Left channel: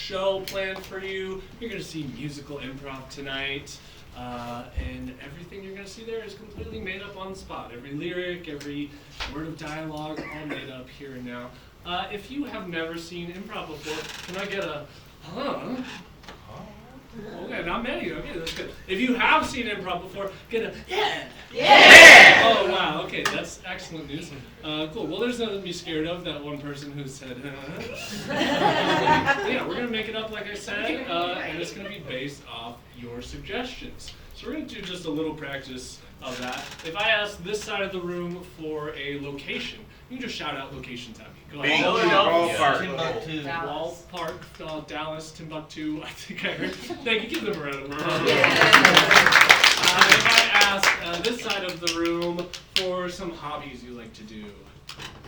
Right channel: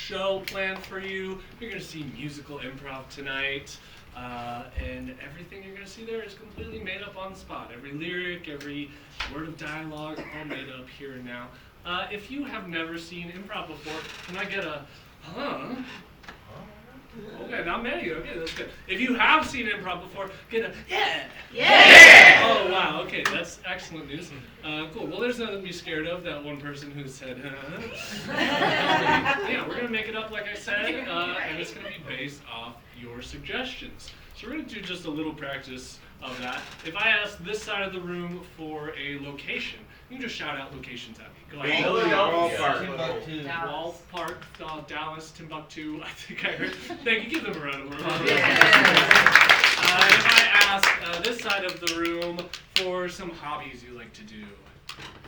show planned for you. You're going to see musical improv tonight. And everything you're going to see there is completely made up on the spot. Every lyric, every word of dialogue, all made up here and now. If you have never seen improv before, can I get a, huh? Okay, not many. Okay, that's good. If you have seen improv before, get a, yeah! Yeah! Oh, wow. Okay, that's excellent news. Cool. Well, there's nothing to be scared of, that one person who said, yeah, we're going to make it up like I said, and it's going to be based off your suggestions. So we're going to do just a little practice of that. If I ask this side of the room for a location, you can just shout out locations at me. Go ahead. Timbuktu. Ballpark, Dallas, Timbuktu, I think I heard. Thank you. Give them a round of applause. If I ask this side of the room for some hobbies you like to do.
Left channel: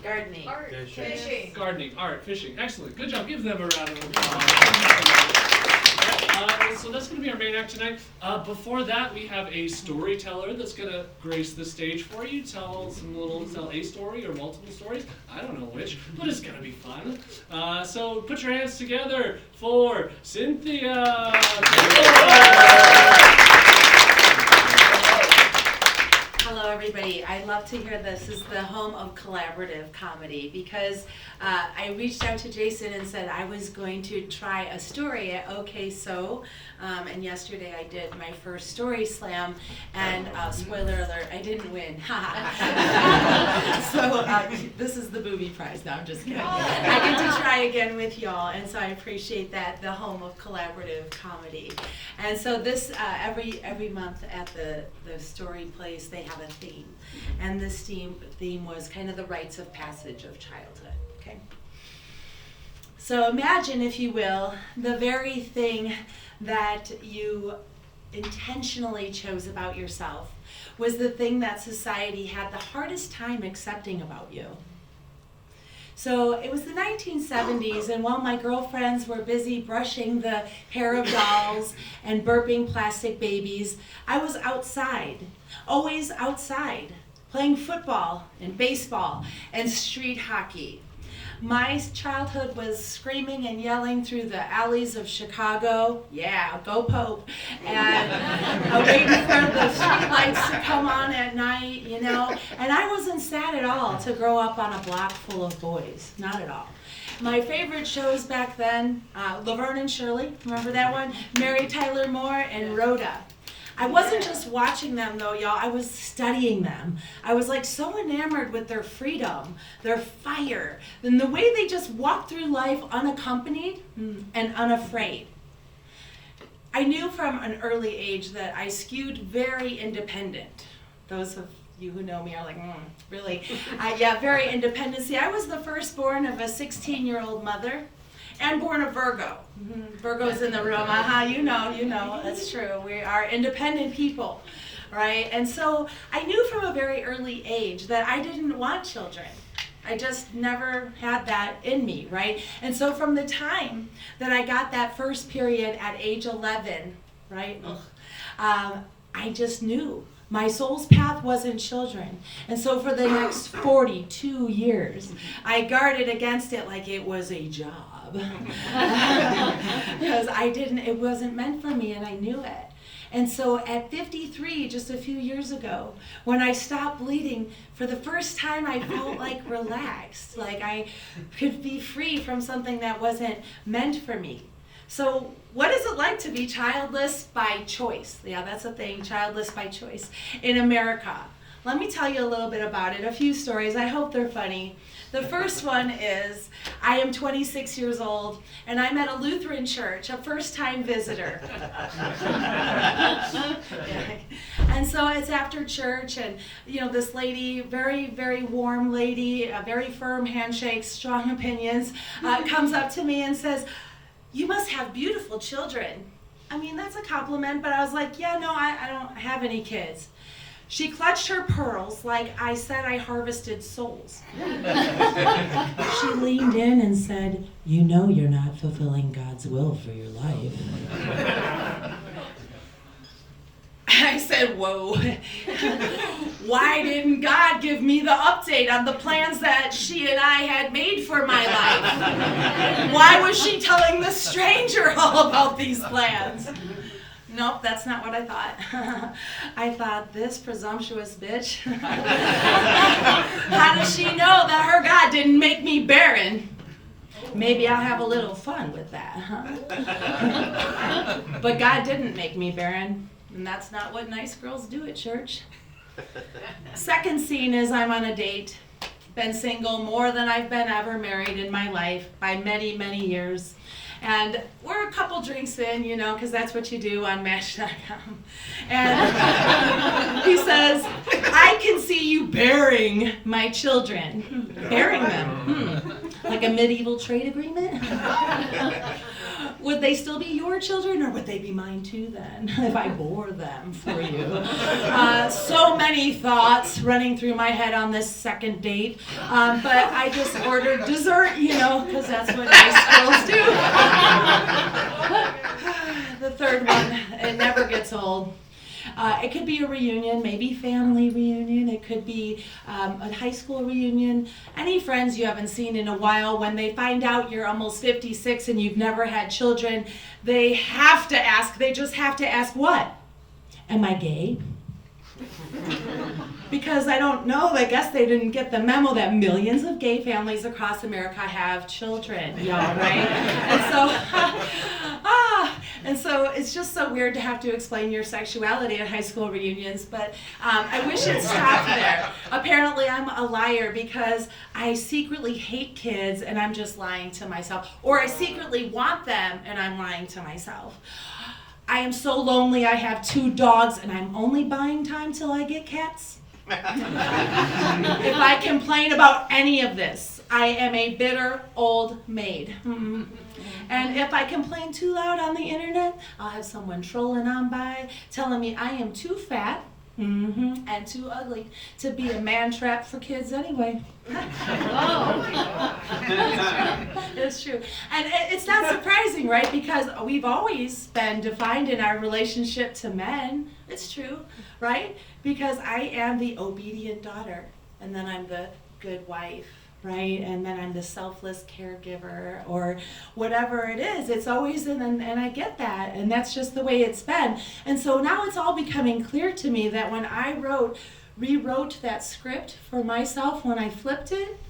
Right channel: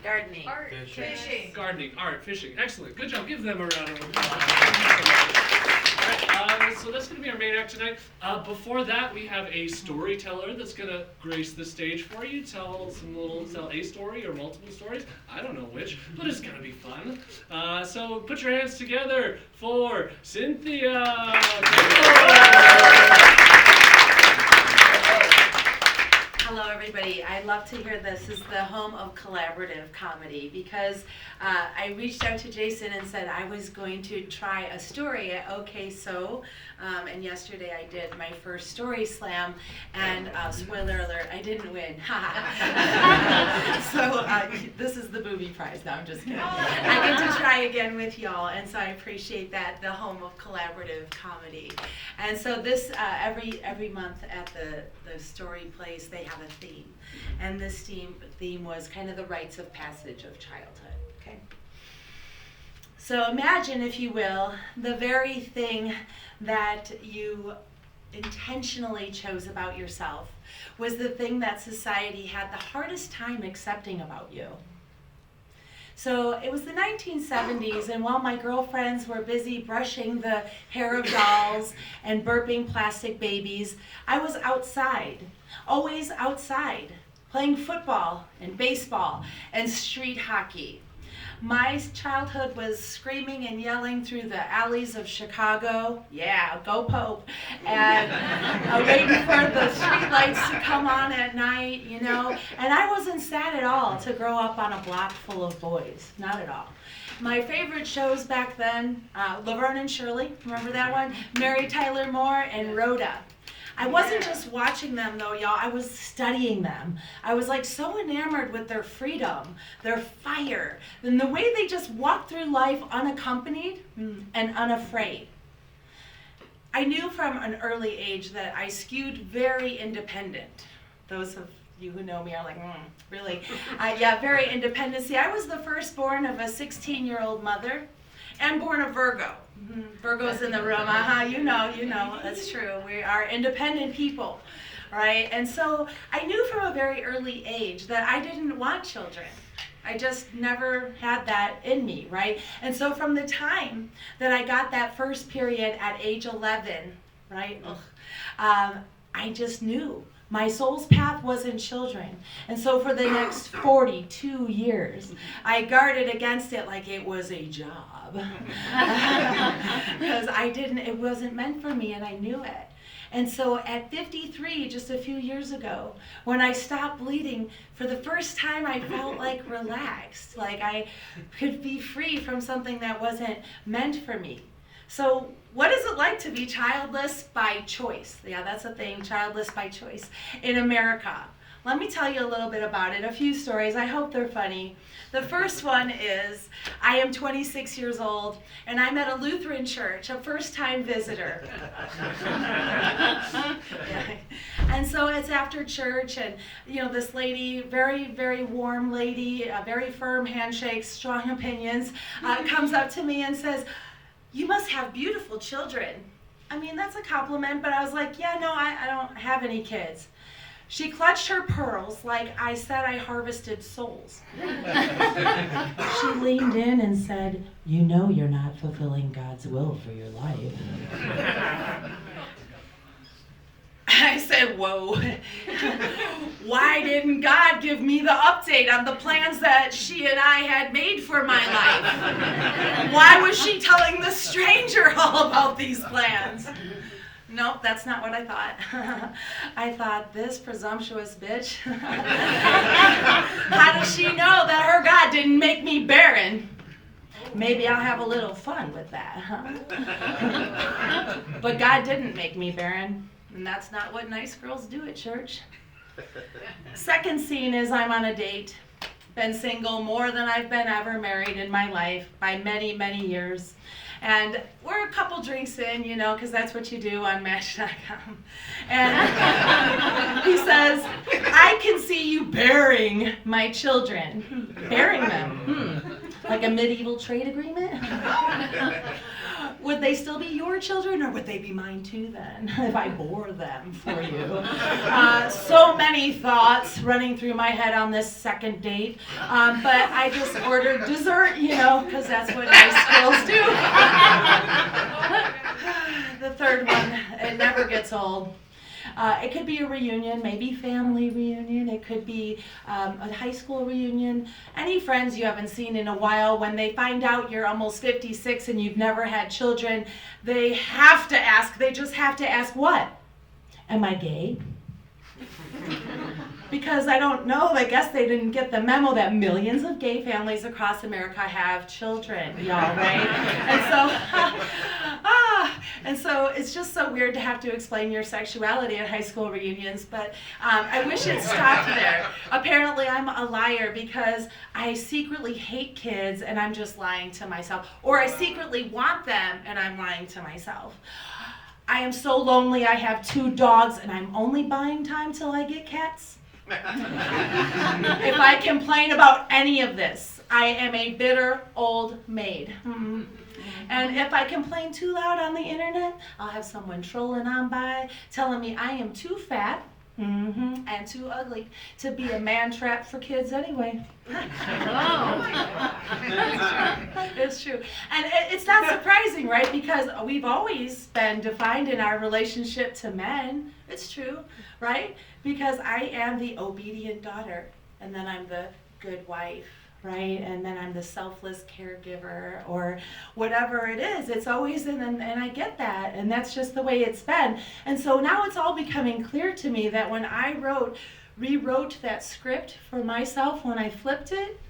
Gardening. Art. Fishing. Gardening, art, fishing. Excellent. Good job. Give them a round of applause. All right, so that's going to be our main act tonight. Before that, we have a storyteller that's going to grace the stage for you. Tell a story or multiple stories. I don't know which, but it's going to be fun. So put your hands together for Cynthia. Hello, everybody. I love to hear this is the home of collaborative comedy because I reached out to Jason and said I was going to try a story at OK So, and yesterday I did my first story slam, and spoiler alert, I didn't win. So this is the booby prize. No, I'm just kidding. I get to try again with y'all, and so I appreciate that, the home of collaborative comedy. And so this every month at the story place they have a theme, and this theme was kind of the rites of passage of childhood. Okay, so imagine, if you will, the very thing that you intentionally chose about yourself was the thing that society had the hardest time accepting about you. So it was the 1970s, and while my girlfriends were busy brushing the hair of dolls and burping plastic babies, I was outside, always outside, playing football and baseball and street hockey. My childhood was screaming and yelling through the alleys of Chicago, yeah, go Pope, and waiting for the street lights to come on at night, you know. And I wasn't sad at all to grow up on a block full of boys, not at all. My favorite shows back then, Laverne and Shirley, remember that one? Mary Tyler Moore and Rhoda. I wasn't just watching them though, y'all, I was studying them. I was like so enamored with their freedom, their fire, and the way they just walked through life unaccompanied and unafraid. I knew from an early age that I skewed very independent. Those of you who know me are like, really? Yeah, very independent. See, I was the firstborn of a 16-year-old mother and born a Virgo. Virgo's in the room, you know, that's true. We are independent people, right? And so I knew from a very early age that I didn't want children. I just never had that in me, right? And so from the time that I got that first period at age 11, right, I just knew my soul's path wasn't children. And so for the next 42 years, I guarded against it like it was a job. Because it wasn't meant for me, and I knew it. And so at 53, just a few years ago, when I stopped bleeding, for the first time I felt like relaxed, like I could be free from something that wasn't meant for me. So what is it like to be childless by choice? Yeah, that's a thing, childless by choice in America. Let me tell you a little bit about it, a few stories. I hope they're funny. The first one is, I am 26 years old, and I'm at a Lutheran church, a first-time visitor. Yeah. And so it's after church, and this lady, very, very warm lady, a very firm handshake, strong opinions, comes up to me and says, "You must have beautiful children." I mean, that's a compliment, but I was like, yeah, no, I don't have any kids. She clutched her pearls like I said I harvested souls. She leaned in and said, "You know you're not fulfilling God's will for your life." I said, said, whoa, why didn't God give me the update on the plans that she and I had made for my life? Why was she telling the stranger all about these plans? Nope, that's not what I thought. I thought, this presumptuous bitch. How does she know that her God didn't make me barren? Maybe I'll have a little fun with that, huh? But God didn't make me barren, and that's not what nice girls do at church. Second scene is I'm on a date. Been single more than I've been ever married in my life by many, many years. And we're a couple drinks in, you know, because that's what you do on Match.com. And he says, I can see you bearing my children. Bearing them. Like a medieval trade agreement? Would they still be your children, or would they be mine too then, if I bore them for you? So many thoughts running through my head on this second date, but I just ordered dessert, you know, because that's what nice girls do. The third one, it never gets old. It could be a reunion, maybe family reunion. It could be a high school reunion. Any friends you haven't seen in a while, when they find out you're almost 56 and you've never had children, they just have to ask, what? Am I gay? Because I don't know, I guess they didn't get the memo that millions of gay families across America have children, y'all, right? And so it's just so weird to have to explain your sexuality at high school reunions, but I wish it stopped there. Apparently I'm a liar because I secretly hate kids and I'm just lying to myself, or I secretly want them and I'm lying to myself. I am so lonely, I have 2 dogs and I'm only buying time till I get cats. If I complain about any of this, I am a bitter old maid. And if I complain too loud on the internet, I'll have someone trolling on by telling me I am too fat and too ugly to be a man trap for kids anyway. It's true. And it's not surprising, right? Because we've always been defined in our relationship to men. It's true, right? Because I am the obedient daughter, and then I'm the good wife, right? And then I'm the selfless caregiver, or whatever it is. It's always, and I get that, and that's just the way it's been. And so now it's all becoming clear to me that when I rewrote that script for myself, when I flipped it,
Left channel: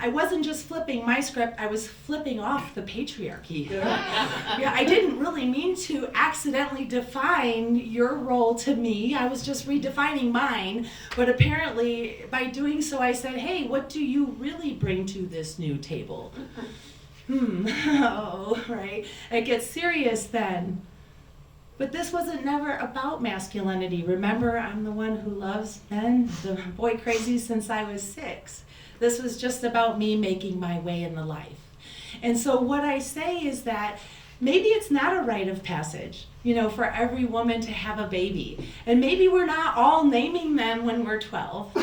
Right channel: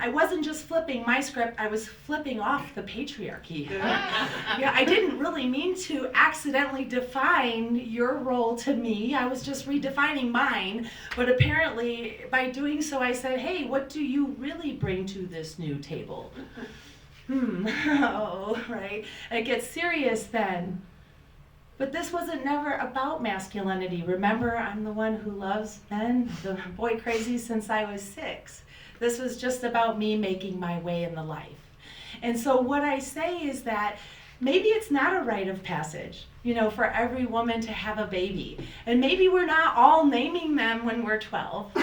I wasn't just flipping my script, I was flipping off the patriarchy. Yeah, I didn't really mean to accidentally define your role to me. I was just redefining mine. But apparently, by doing so, I said, hey, what do you really bring to this new table? Oh, right. It gets serious then. But this wasn't never about masculinity. Remember, I'm the one who loves men, the boy crazy since I was 6. This was just about me making my way in the life. And so what I say is that maybe it's not a rite of passage, you know, for every woman to have a baby. And maybe we're not all naming them when we're 12.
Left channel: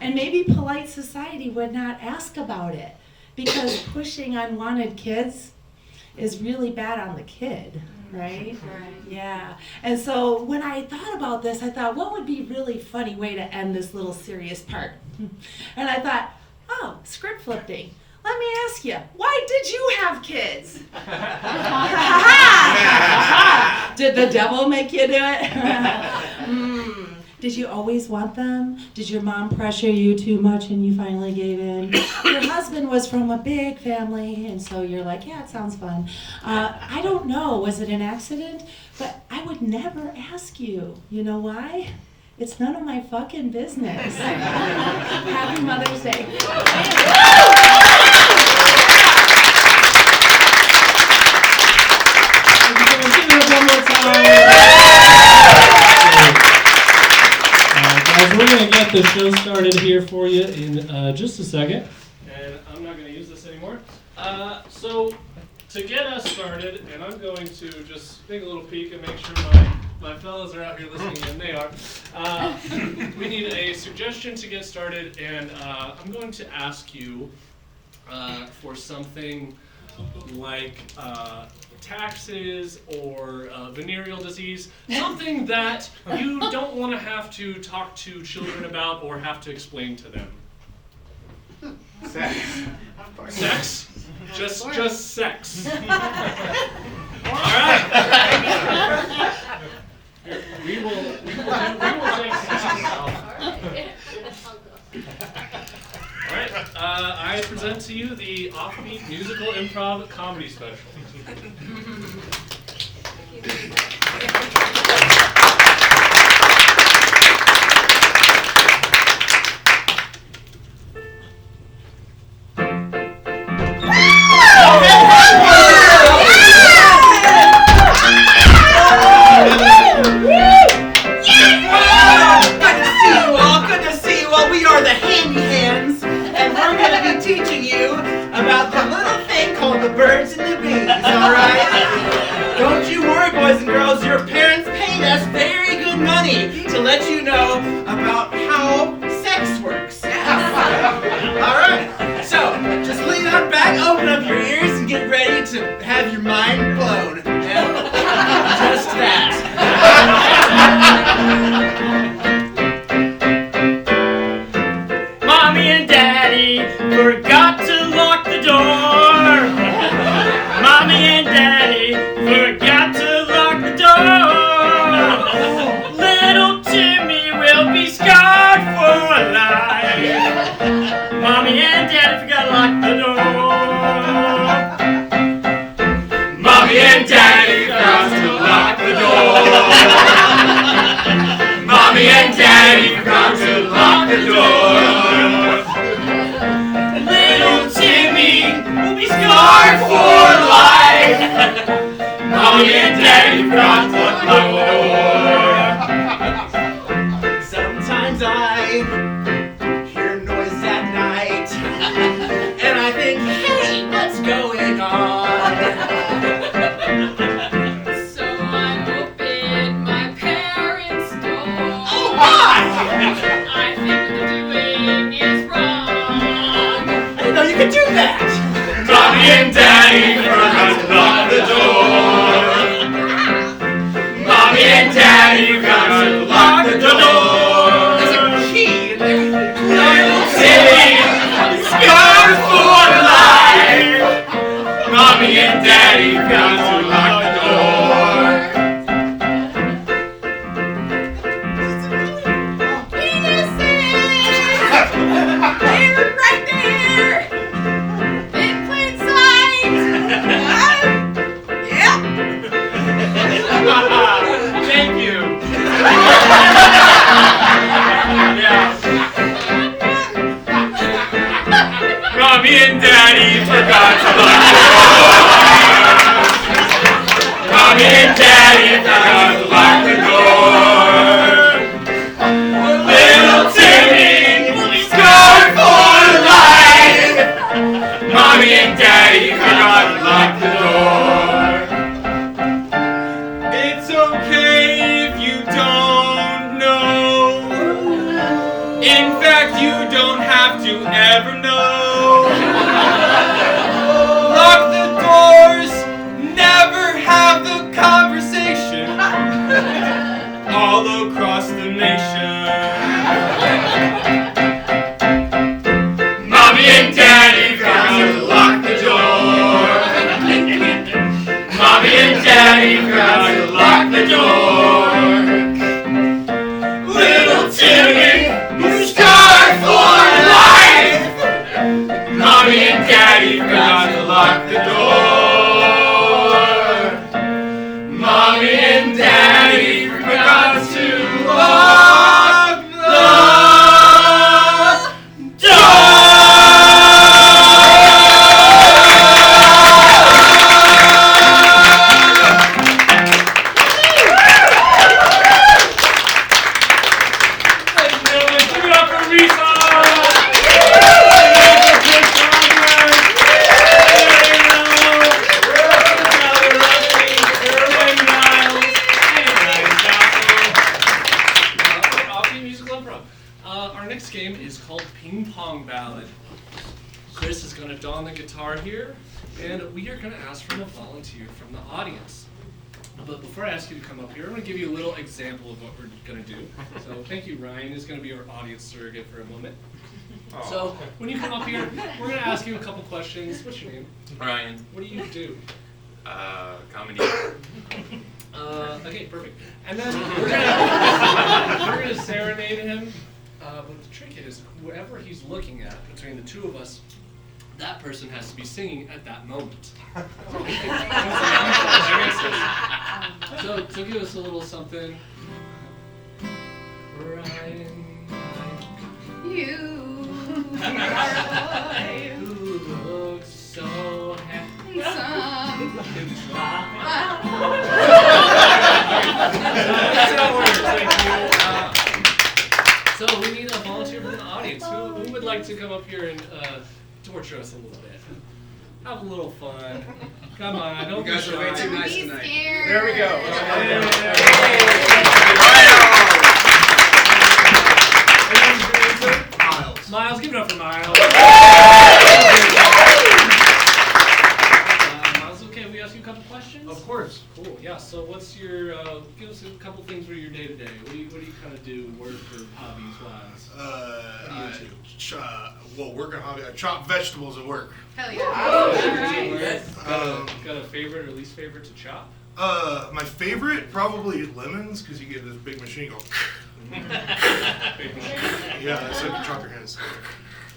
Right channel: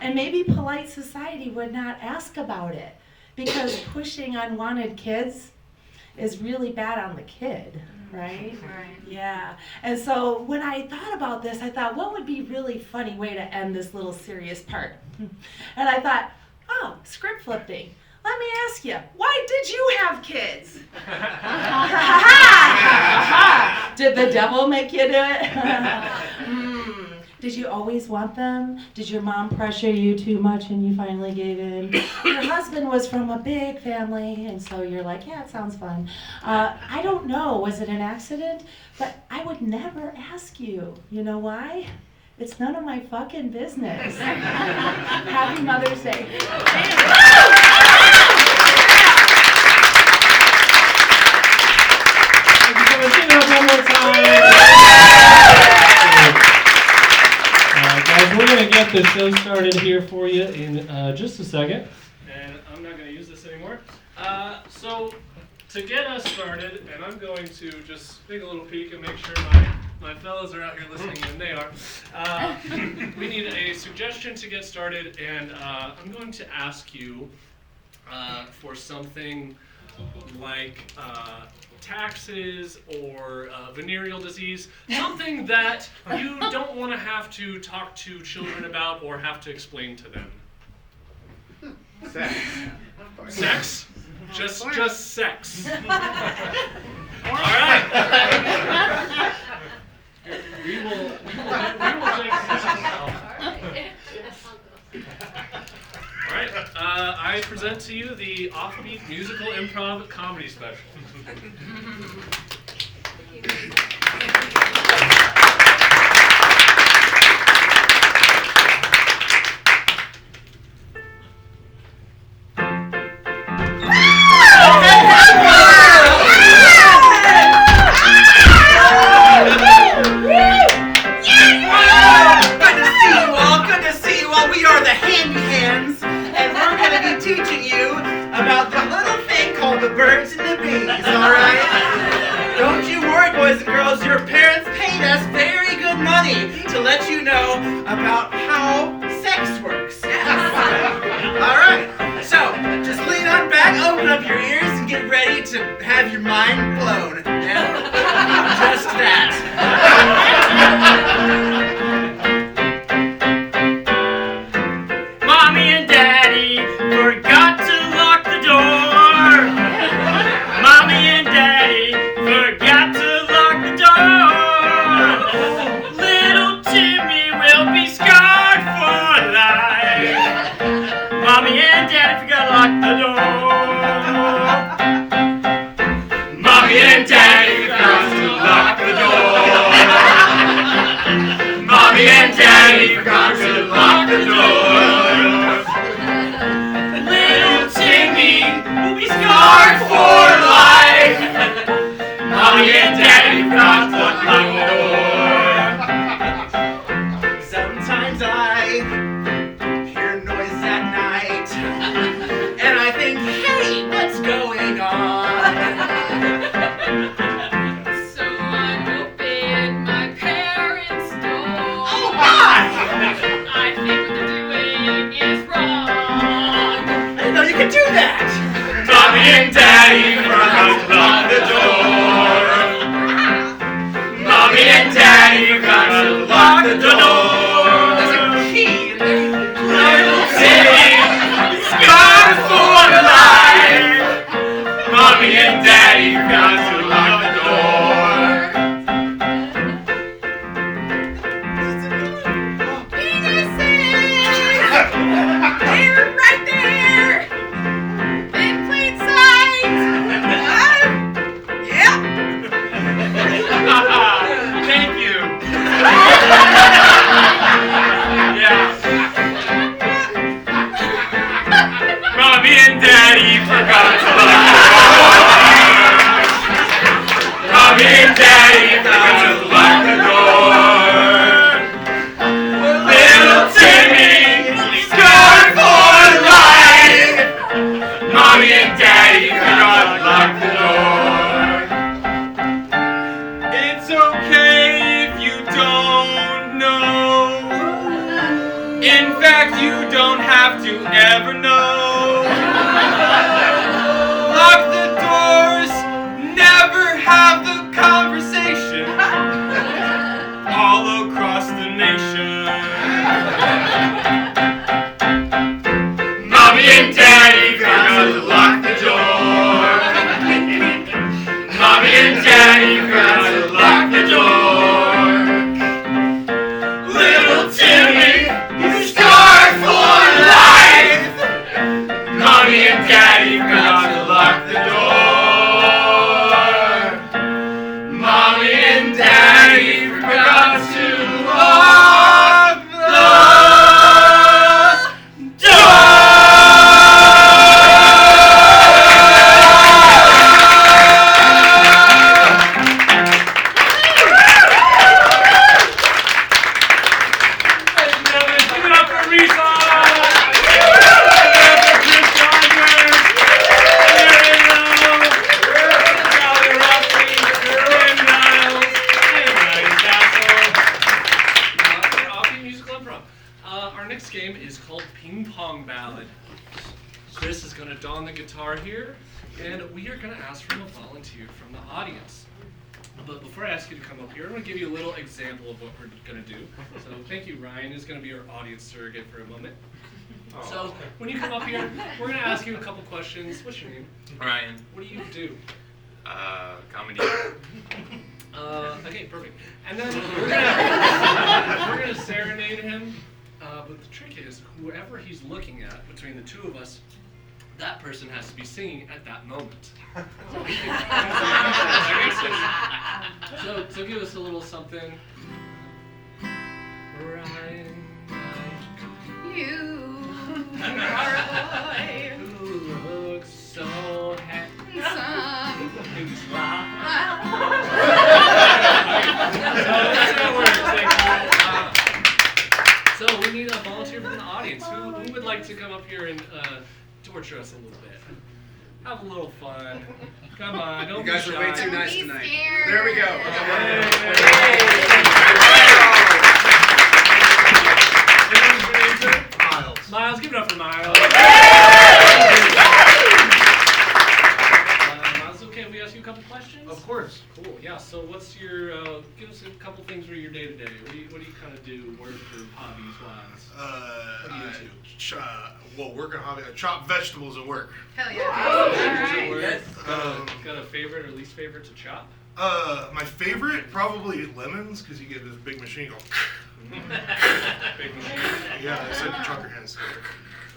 And maybe polite society would not ask about it, because pushing unwanted kids is really bad on the kid. Right? Right. Yeah. And so when I thought about this, I thought, what would be a really funny way to end this little serious part? And I thought, oh, script flipping. Let me ask you, why did you have kids? Did the devil make you do it? Did you always want them? Did your mom pressure you too much and you finally gave in? Your husband was from a big family, and so you're like, yeah, it sounds fun. I don't know, was it an accident? But I would never ask you. You know why? It's none of my fucking business. Happy Mother's Day. One more time. Guys, we're going to get the show started here for you in just a second. And I'm not going to use this anymore. So to get us started, and I'm going to just take a little peek and make sure my fellas are out here listening, and they are. We need a suggestion to get started, and I'm going to ask you for something like taxes or venereal disease, something that you don't want to have to talk to children about or have to explain to them. Sex. Sex? Just sex. All right. Here, we will take All right. I present to you the Offbeat musical improv comedy special. Good to see you all. We are the Handy Hands, and we're going to be teaching you about the little thing called the birds and the bees, alright? Don't you worry, boys and girls. Your parents paid us very good money to let you know about how sex works. Alright, so just lean on back, open up your ears, and get ready to have your mind blown. And just that. Mommy and Daddy forgot to lock the door. Mommy and Daddy forgot to lock the door. Little Timmy will be scarred for life. Mommy and Daddy forgot to lock the door. Mommy and Daddy forgot to lock the door. Mommy and Daddy forgot to lock the door. Little Timmy will be scarred for life. Mommy and Daddy forgot to lock the door. Sometimes I hear noise at night, and I think, hey, what's going on? So I opened my parents' door. Oh my! I think what they're doing is wrong. I didn't know you could do that! Mommy and Daddy forgot to lock the door. Mommy and Daddy forgot to lock the door. There's a key in there. Little Timmy, scarred for life. Mommy and Daddy forgot to lock the door. They're right there! In plain sight! Yep! Thank you. Yeah. Mommy and Daddy forgot to lock the door. Mommy and Daddy forgot to lock the door. Little Timmy, scarred for life. Mommy and Daddy forgot to lock the door. It's okay if you don't know. In fact, you don't have to ever know. Lock the doors, never have the conversation. All across the nation. Mommy and Daddy forgot to lock the door. Mommy and Daddy forgot to lock the door. Little Timmy, you're scarred for life. Mommy and Daddy forgot to lock the door. Mommy and Daddy forgot to lock the door. Our next game is called Ping Pong Ballad. Chris is gonna don the guitar here, and we are gonna ask for a volunteer from the audience. But before I ask you to come up here, I'm gonna give you a little example of what we're gonna do. So thank you, Ryan is gonna be our audience surrogate for a moment. So when you come up here, we're gonna ask you a couple questions. What's your name? Ryan. What do you do? Comedy. Okay, perfect. And then we're gonna serenade him. But the trick is, whoever he's looking at between the two of us, that person has to be singing at that moment. So give us a little something. Ryan, You are a boy. who looks so handsome Some. in this life. So that's how it works. Thank you. So we need a volunteer from the audience. Who would like to come up here and torture us a little bit? Have a little fun. Come on, don't You guys be are way shy. too nice Be tonight. scared. There we go. Miles, give it up for Miles. Miles, okay, we ask you a couple questions? Of course. Cool, yeah, so what's your, give us a couple things for your day-to-day. What do you kind of do, work or hobbies-wise? Working hobby. I chop vegetables at work. Hell yeah. Work? Um, Got a favorite or least favorite to chop? My favorite probably lemons because you get this big machine go. Big machine. Yeah, it's like you chop your hands.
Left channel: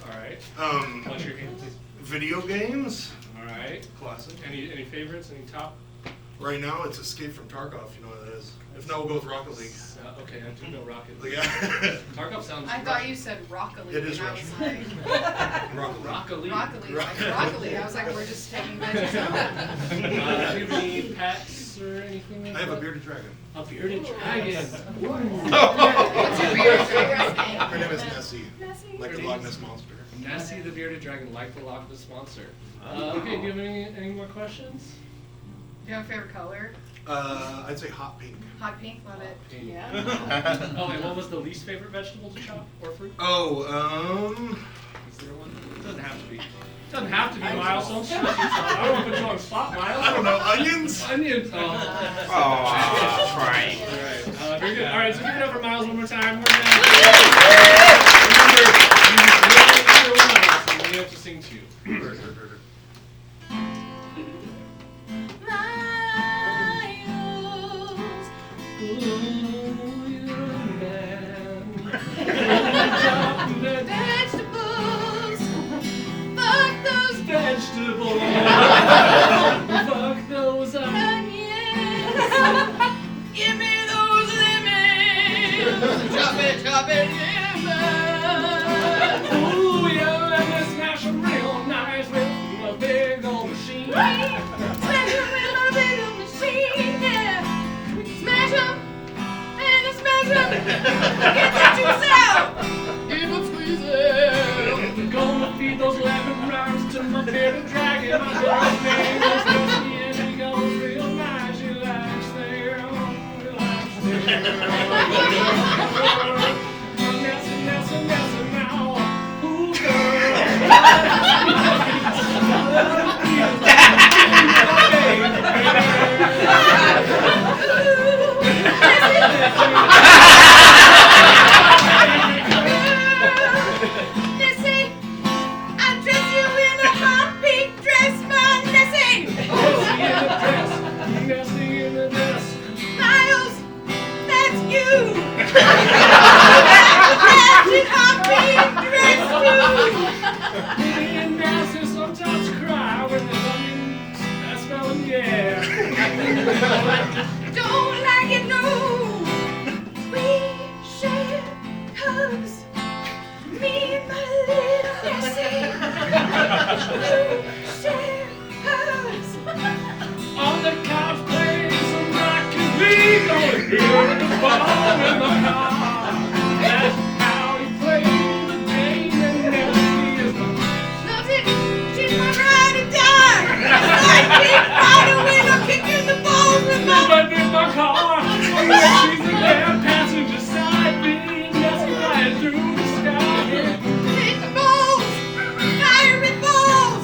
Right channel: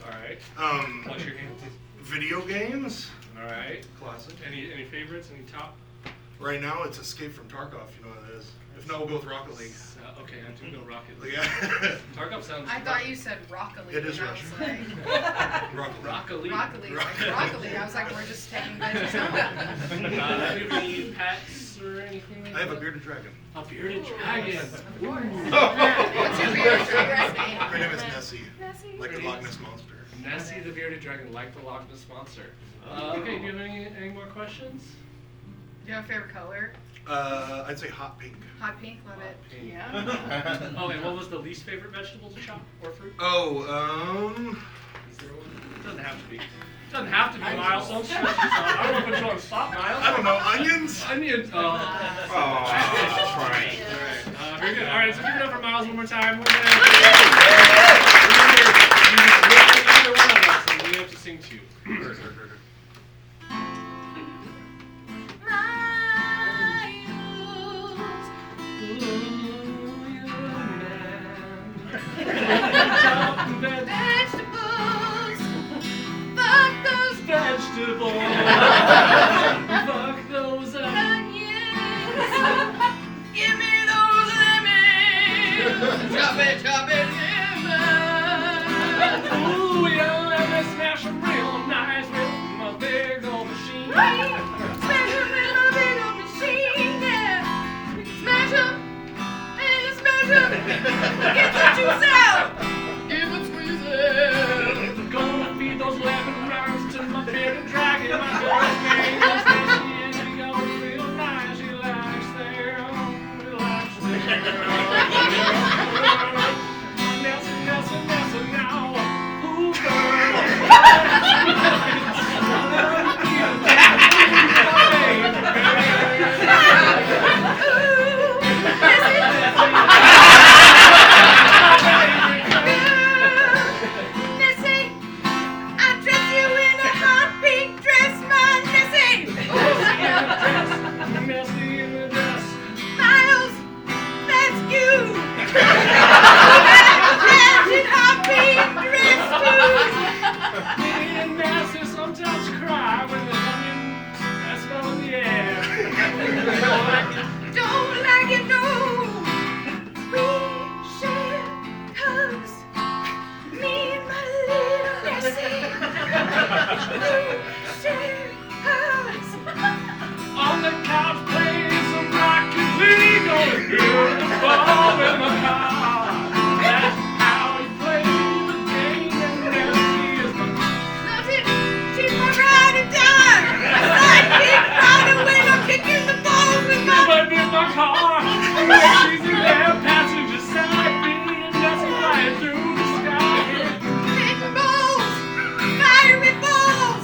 Alright. Um, Wash your hands. video games. Alright. Classic. Any favorites? Any top? Right now it's Escape from Tarkov. You know what it is. If not, we'll go with Rocket League. Okay, I do know Rocket League. Yeah. Tarkov sounds. I thought you said broccoli. It is and I was Russian. like, Rocket League. Rocket League. broccoli. Like broccoli. I was like, we're just taking veggies out. Do you have any pets or anything like I have a that? bearded dragon. A bearded dragon. What's your bearded dragon's name? Her name is Nessie, Nessie. like the Loch Ness monster. Nessie the bearded dragon, like the Loch Ness monster. Okay, do you have any more questions? Do you have a favorite color? I'd say hot pink. Hot pink. Love it. Pink. Yeah. Oh, and what was the least favorite vegetable to chop or fruit? Oh, Is there one? It doesn't have to be. It doesn't have to be, Miles. Don't stress yourself. I don't want to put you on the spot, Miles. I don't know, onions? Onions. Oh. Right. Alright, very good. Alright, so give it up for Miles one more time. We're gonna remember, one of us, and we have to sing to you. Vegetables. Fuck those Vegetables. Fuck those onions. Give me those lemons. Chop it, lemon. Ooh, yeah, and I smash them real nice with my big old machine. Smash 'em with my big old machine, yeah. Smash 'em and smash 'em. Get the juice out. Give 'em squeeze it. Gonna feed those lemon rinds to my bearded dragon. My girl's name is Nessie, and she goes real nice. She likes there, relax there. Nessie now. Ooh, girl. Nessie, I dress you in a hot pink dress, my Nessie. Nessie in the dress. Miles, that's you. That hot pink dress too. Me and Nessie sometimes cry when there's onions that smell in the air. Don't like it, no. We share hugs. Me and my little Nessie. We share hugs. On the couch playing some Rocket League, gonna hear the ball in my car. That's how you play the game, and Nessie is my Loves it. She's my ride or die. Like Big Brother when I'm kicking the balls with my live in my car. She's in there, passenger side, me and Nessie flying through the sky. big balls. Fiery balls.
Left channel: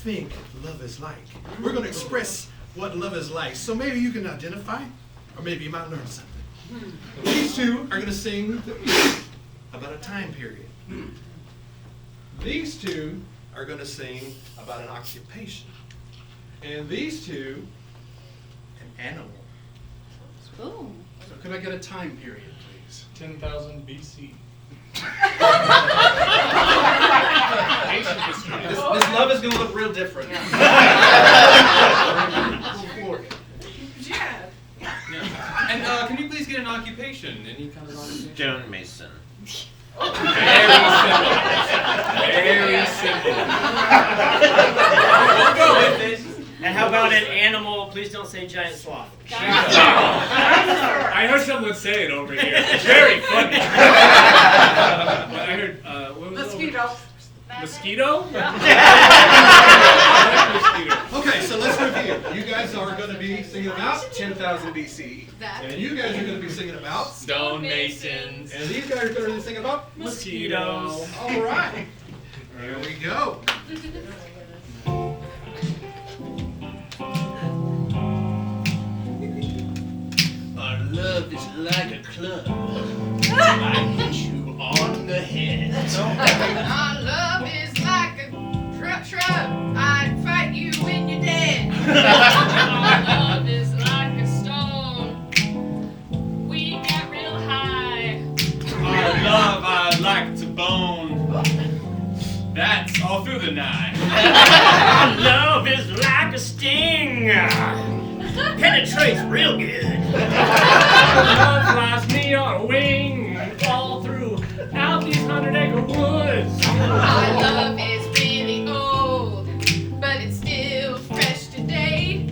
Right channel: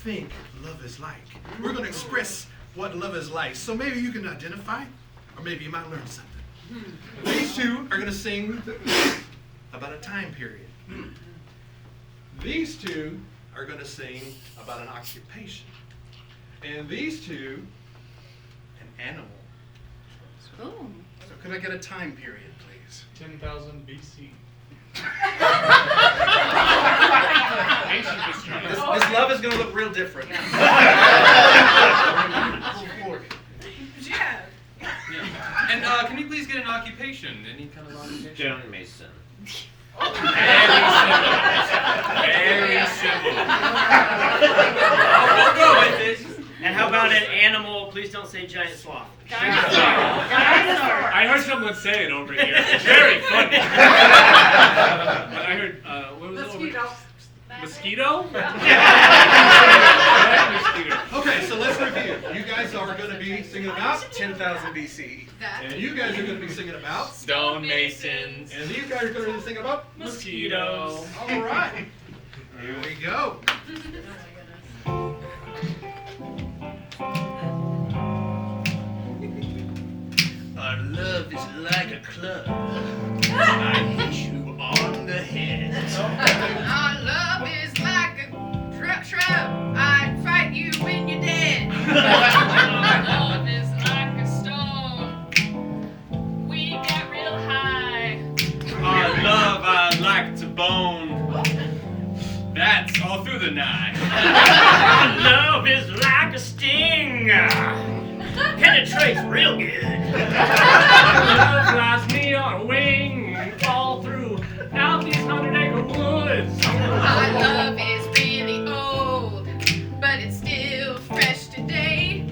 think love is like. We're going to express what love is like. So maybe you can identify, or maybe you might learn something. These two are going to sing about a time period. These two are going to sing about an occupation. And these two, an animal. Ooh. So could I get a time period, please? 10,000 BC. This love is going to look real different. Yeah. And can we please get an occupation? Any kind of occupation? Stonemason. Very simple. Very simple. We'll go with it. And how about an animal? Please don't say giant sloth. I heard someone say it over here. It's very funny. But I heard, what was it? Mosquito? I like mosquito. Okay, so let's review. You guys are going to be singing about 10,000 BC. That. And you guys are going to be singing about, Stonemasons. and these guys are going to be singing about Mosquitoes. All right, here we go. Our love is like a club. I hit you on the head. Our love is like a shrub. I'd fight you when you're dead. Our love is like a stone. We got real high. Our love, I like to bone. That's all through the night. Our love is like a sting. Penetrates real good. Love flies me on a wing all throughout these 100-acre woods. Our love is really old, but it's still fresh today.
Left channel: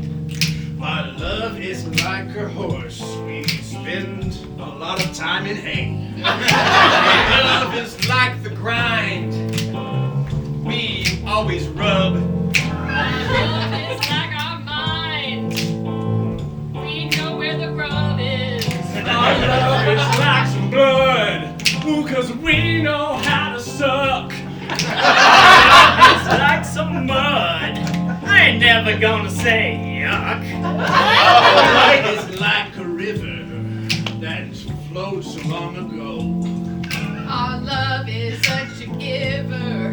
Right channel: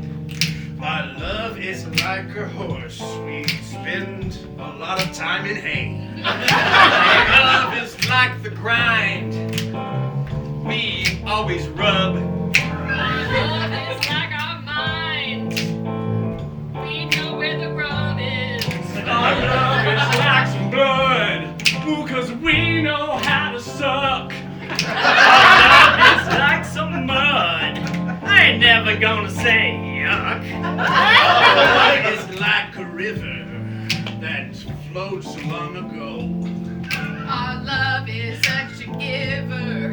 Our love is like a horse. We spend a lot of time in hay. Our love is like the grind. We always rub. Our love is like our mind. We know where the rub is. Our love is like some blood. Ooh, 'cause we know how to suck. It's like some mud. I ain't never gonna say yuck. Light is like a river that floats long ago. Our love is such a giver.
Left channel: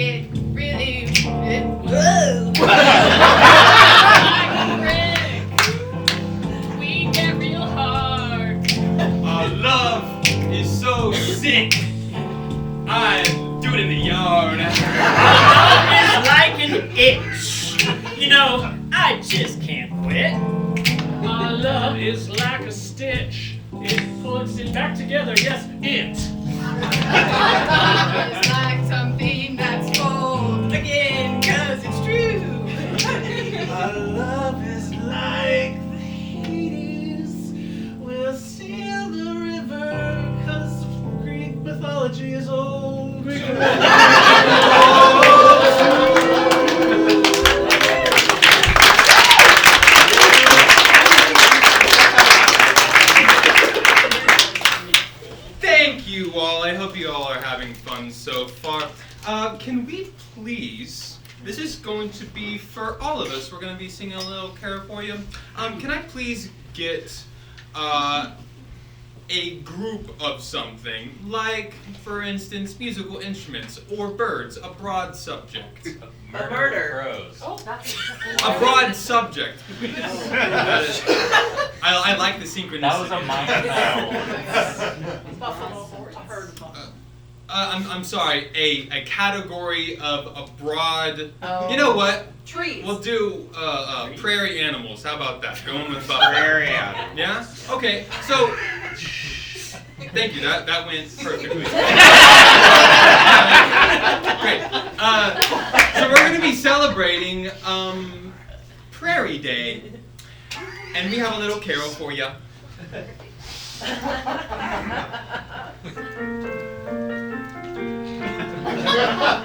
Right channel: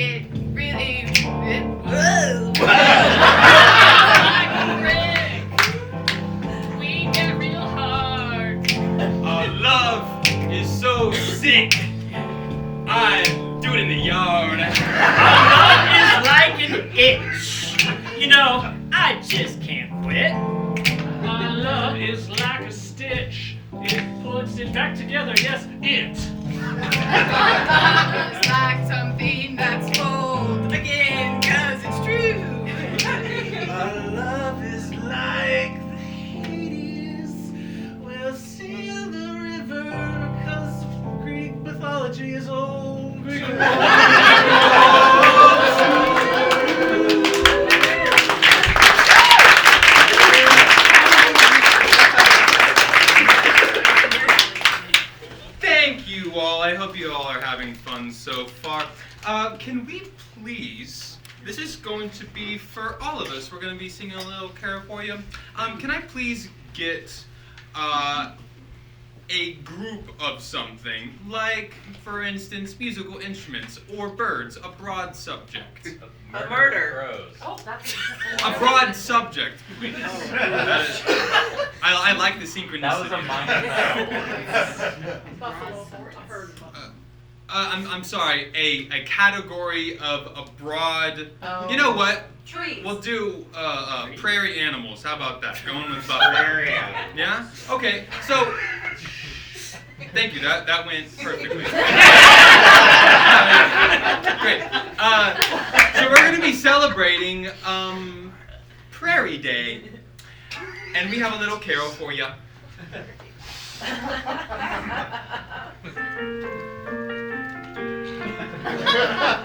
It really, whoa. Like a brick. We get real hard. Our love is so sick. I do it in the yard. Our love is like an itch. You know, I just can't quit. My love is like a stitch. It puts it back together. Yes, it. Our love is like something that's bold. Again, 'cause it's true. Our love is like the Hades. We'll sail the river, 'cause Greek mythology is old. Greek Thank you all. I hope you all are having fun so far. Can we please, this is going to be for all of us. We're going to be singing a little carol for you. Can I please get a group of something, like, for instance, musical instruments or birds, a broad subject. murder. A broad subject, please. That is, I like the synchronicity. I'm sorry, a category of a broad, you know what? Trees. We'll do prairie animals. How about that? Going with buffalo. Prairie animals. Yeah? Okay, so, thank you, that went perfectly. Great. So we're going to be celebrating Prairie Day, and we have a little carol for you.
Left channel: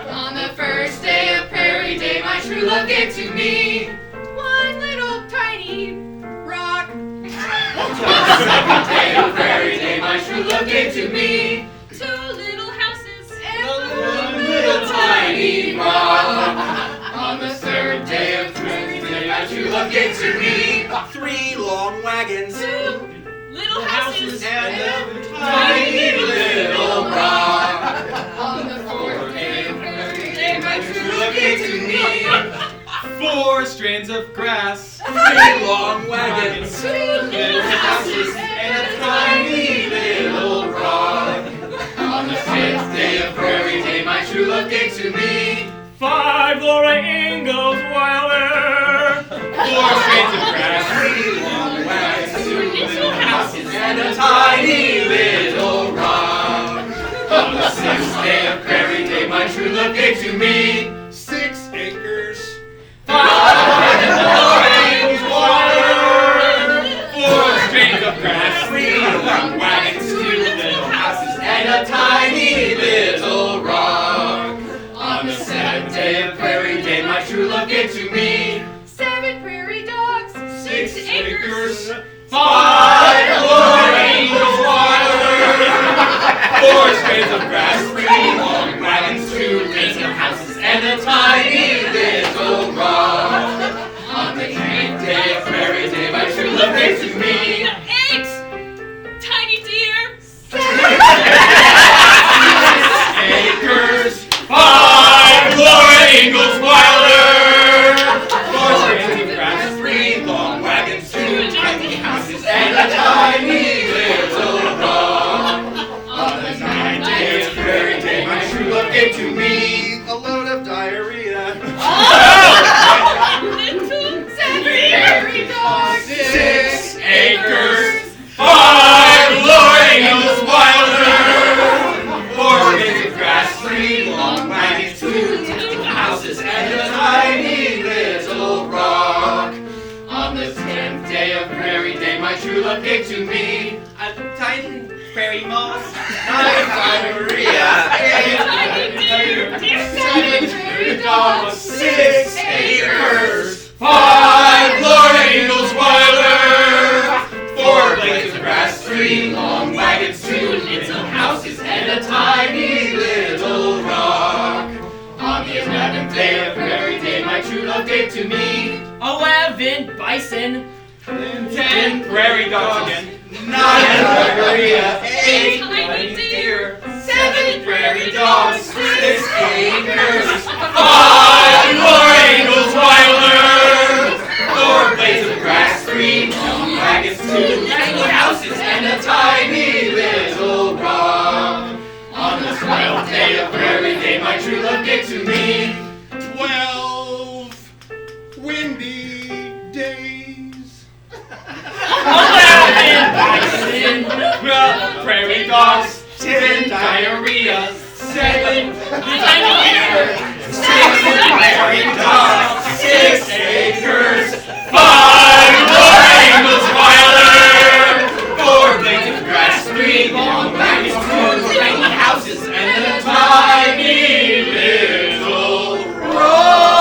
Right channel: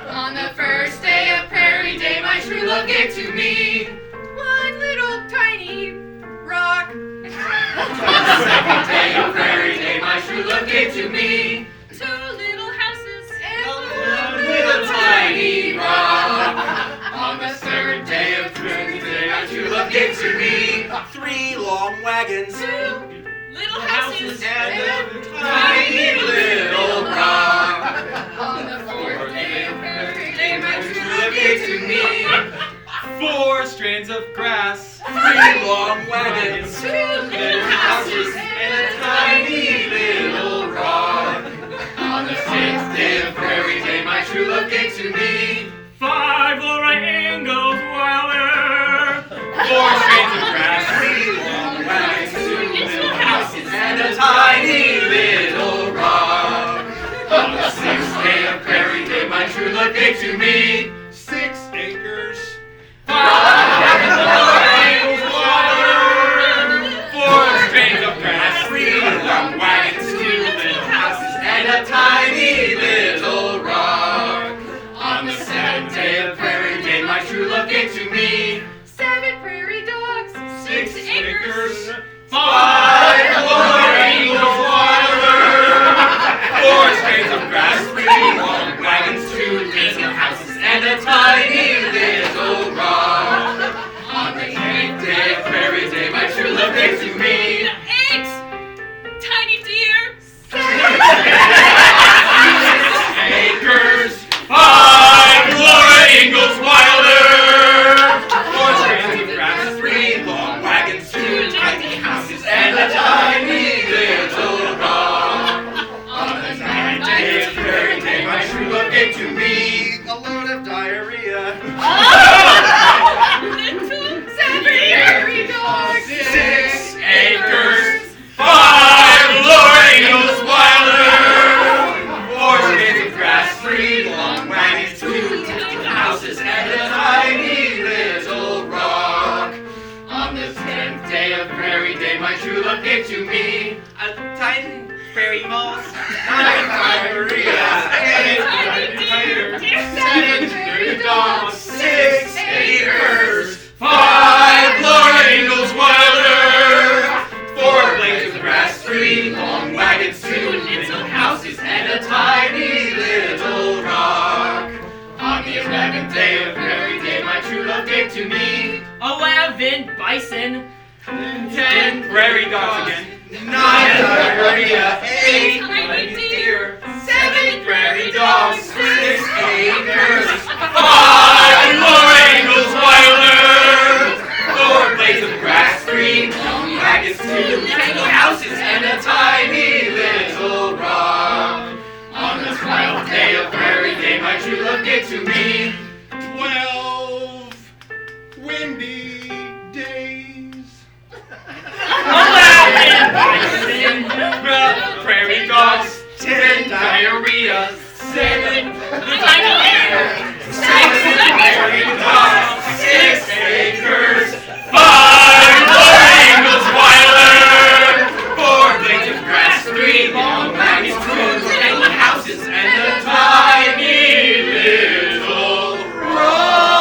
On the first day of Prairie Day, my true love gave to me one little tiny rock. On the second day of Prairie Day, my true love gave to me two little houses and one little tiny rock. On On the third day of Tuesday, my true love gave to me 3 long wagons. 2 little houses. and a tiny little rock. On the 4th day of birthday, my True love gave to me 4 strands of grass, 3 long wagons, 2 little houses, and a tiny little rock. On the 6th day of Prairie Day, my true love gave to me 5 Laura Ingalls Wilder. 4 strands of grass, 3 long wagons, 2 little houses, and a tiny little rock. On the 6th day of Prairie Day, my true love gave to me 6 acres. 5 Laura Ingalls Wilder. 4 strands of grass, 3 long wagons, 2 little houses, and a tiny little rock. On the 7th day of Prairie Day, my true love gave to me 7 prairie dogs. 6 acres. 5 Laura Ingalls Wilder. 4 strands of grass, 3 long wagons, 2 little houses, and a tiny little rock. On the 8th day of Prairie Day, my true love gave to me 8 tiny deer. 6 acres. 5 Laura Ingalls Wilder. 4 strands of grass, 3 long wagons, 2 tiny houses, and a tiny little rock. On the 9th day of Prairie Day, my true love gave to me A load of diarrhea. Little 7 prairie dogs. 6 acres. 5 Laura Ingalls Wilder. 4 strands of grass, 3 long wagons, 2 little houses, and a tiny little rock. On the 10th day of Prairie Day, my true love gave to me a tiny prairie moss, 9 diarrhea, 8 tiny deer, 7 prairie dogs, 6 acres, 5 Laura Ingalls Wilder, 4 blades of grass, 3 long wagons, 2 little houses, and a tiny little rock. On the 11th day of Prairie Day, my true love gave to me 11 bison. 10 prairie dogs again, 9 diarrhea, 8 tiny deer, 7 prairie dogs, 6 acres, 5 Laura Ingalls Wilder, 4 blades of grass, 3 long wagons, 2 tiny houses, and a tiny little rock. On the 12th day of Prairie Day, my true love gave to me 12 windy days. 11 bison, prairie dogs, 10 diarrhea, 7 tiny deer, 6 prairie dogs, 6 acres, 5 Laura Ingalls Wilder, 4 blades of grass, 3 long wagons, 2 tiny houses, and a tiny little rock.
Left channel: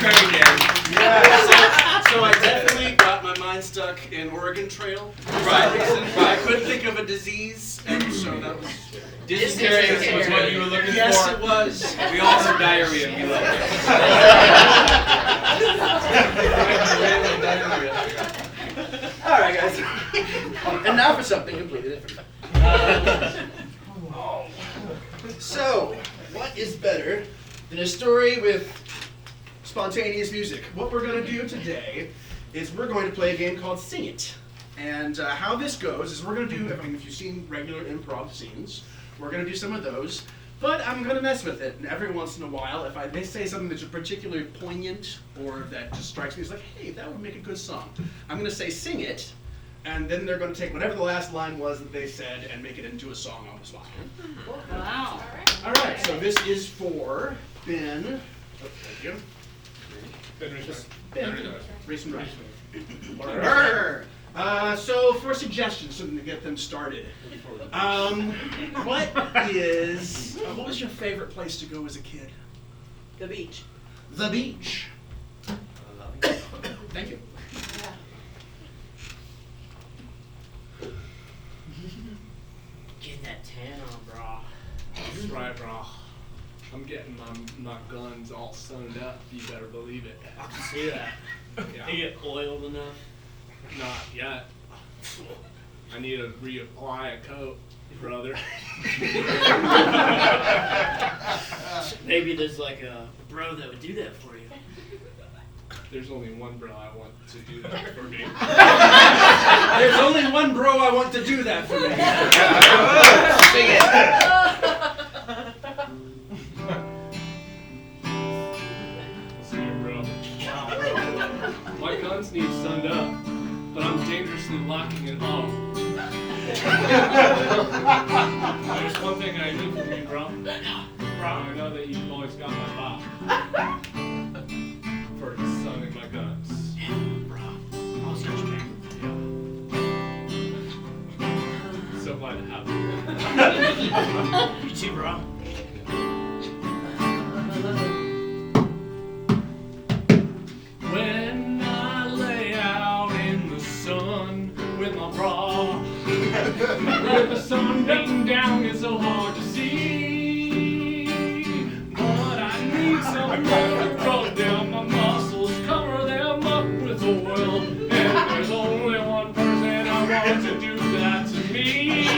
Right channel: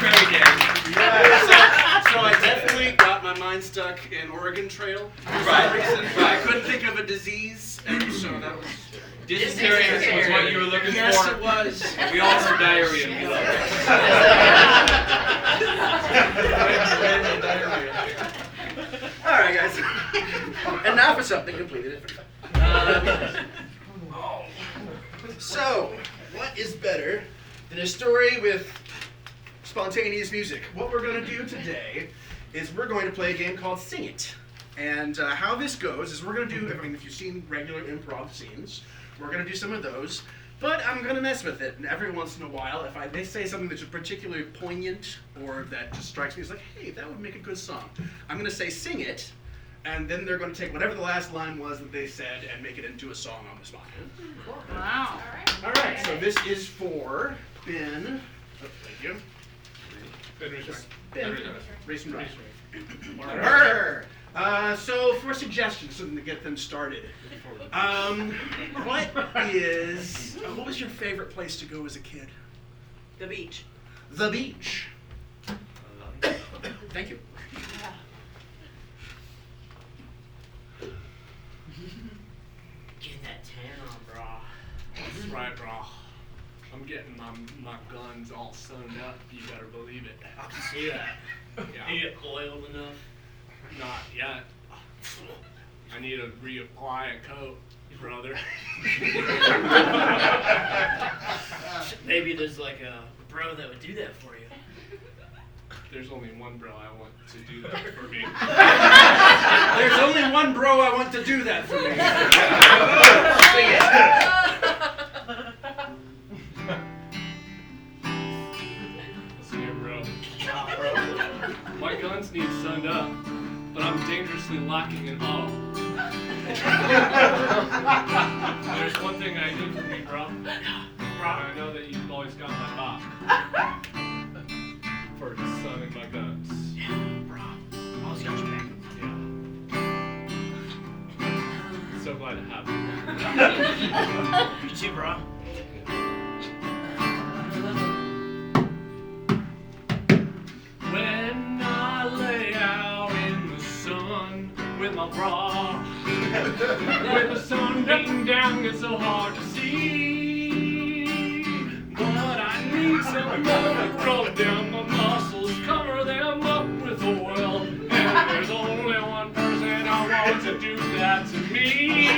Prairie Day. So I definitely got my mind stuck in Oregon Trail for Right. some reason. I couldn't think of a disease, and so that was. Dysentery was what you were looking Yes, for. it was. We all have diarrhea and we love it. All right, guys. And now for something completely different. So, what is better than a story with spontaneous music? What we're going to do today is we're going to play a game called Sing It. And how this goes is we're going to do, I mean, if you've seen regular improv scenes, we're going to do some of those. But I'm going to mess with it. And every once in a while, if they say something that's particularly poignant or that just strikes me as like, hey, that would make a good song, I'm going to say sing it. And then they're going to take whatever the last line was that they said and make it into a song on the spot. Wow. All right, so this is for Ben. Oh, thank you. Ben, race and ride. So for suggestions, something to get them started. What was your favorite place to go as a kid? The beach. The beach. Thank you. That's right, bro. I'm getting my guns all sewn up. You better believe it. I can see that. Yeah. You get oiled enough. Not yet. I need to reapply a coat, brother. Maybe there's like a bro that would do that for you. There's only one bro I want to do that for me. There's only one bro I want to do that for me. Sing it. Listen here, bro. My guns need sunned up, but I'm dangerously lacking in all. There's one thing I need from you, bro. I know that you've always got my back. For sunning my guns. Yeah, bro. Always got your back. Yeah. So glad to have you. You too, bro. When I lay out in the sun with my bra, with the sun beating down, it's so hard to see. But I need some oil to run down my muscles, cover them up with oil. And there's only one person I want to do that to me.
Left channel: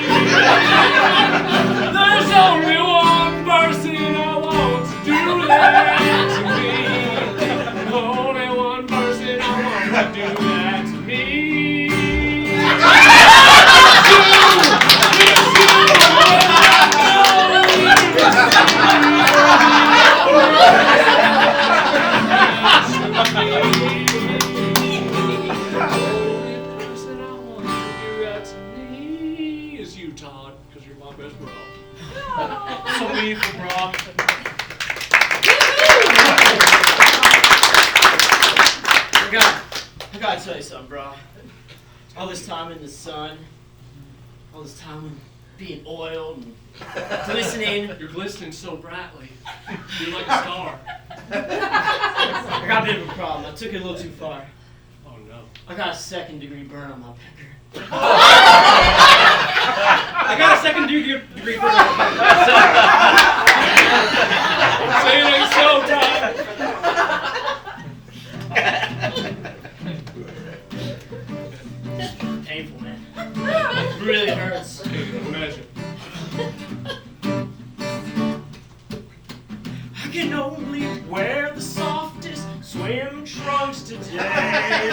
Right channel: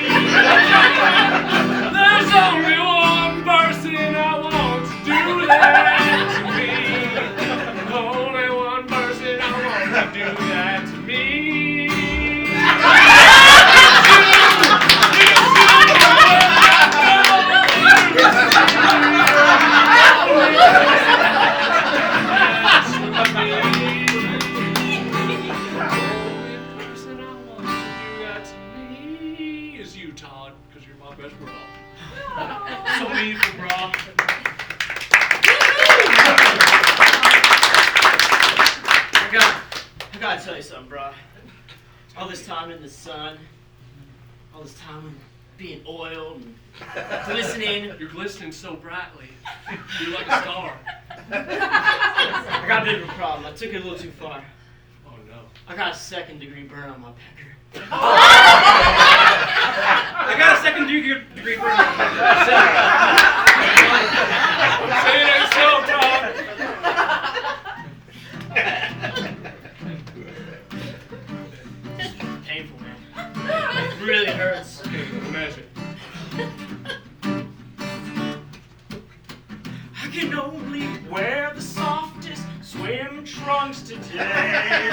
There's only one person I want to do that to me. Only one person I want to do that to me. Todd, because you're my best bro. So meaningful, bro. I gotta tell you something, bro. All this time in the sun, all this time in being oiled and glistening. You're glistening so brightly. You're like a star. I got a bit of a problem. I took it a little too far. Oh no. I got a 2nd-degree burn on my pecker. I got a 2nd-degree burn. Say it ain't so, Todd. Painful, man. It really hurts. Can't even imagine. I can only wear the softest swim trunks today.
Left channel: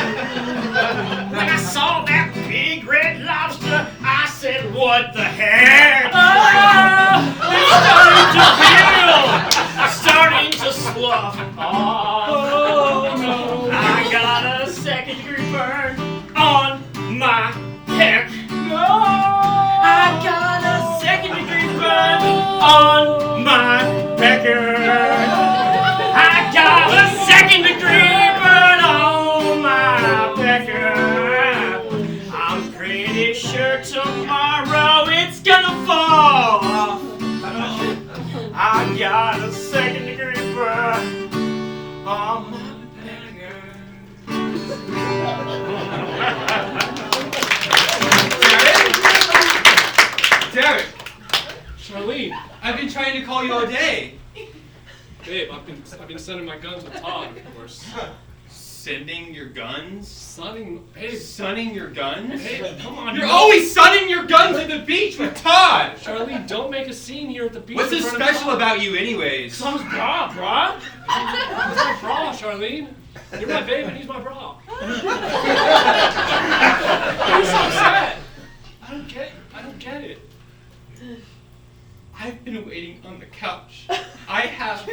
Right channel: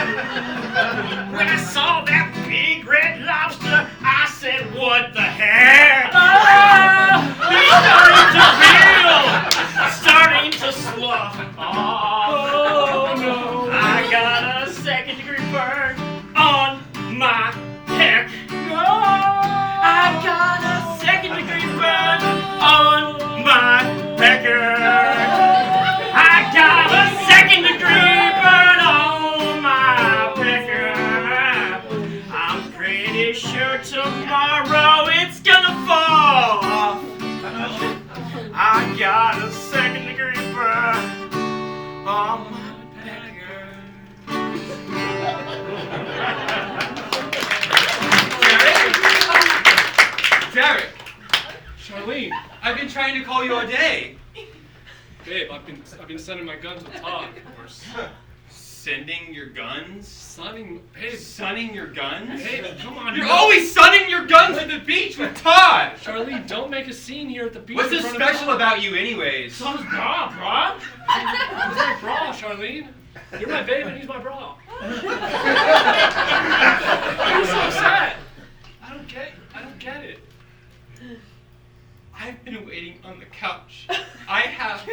When I saw that big red lobster, I said, what the heck? It's starting to feel, starting to slough off. Oh no. I got a 2nd-degree burn on my peck. I got a 2nd-degree burn on my pecker. I got a 2nd-degree burn on my pecker. I'm pretty sure tomorrow it's gonna fall off. I got a 2nd-degree burn on my pecker. Derek, Charlene, I've been trying to call you all day. babe, I've been sending my guns with Todd, of course. Sending your guns? Sunning, babe, Sunning your guns? babe, come on. You're always sunning your guns at the beach with Todd! Charlene, don't make a scene here at the beach. What's in so front of special Todd. about you anyways? So is bra, bra. He's my bra, Charlene. You're my babe and he's my bra. You're so upset. I don't get it. I've been waiting on the couch. I have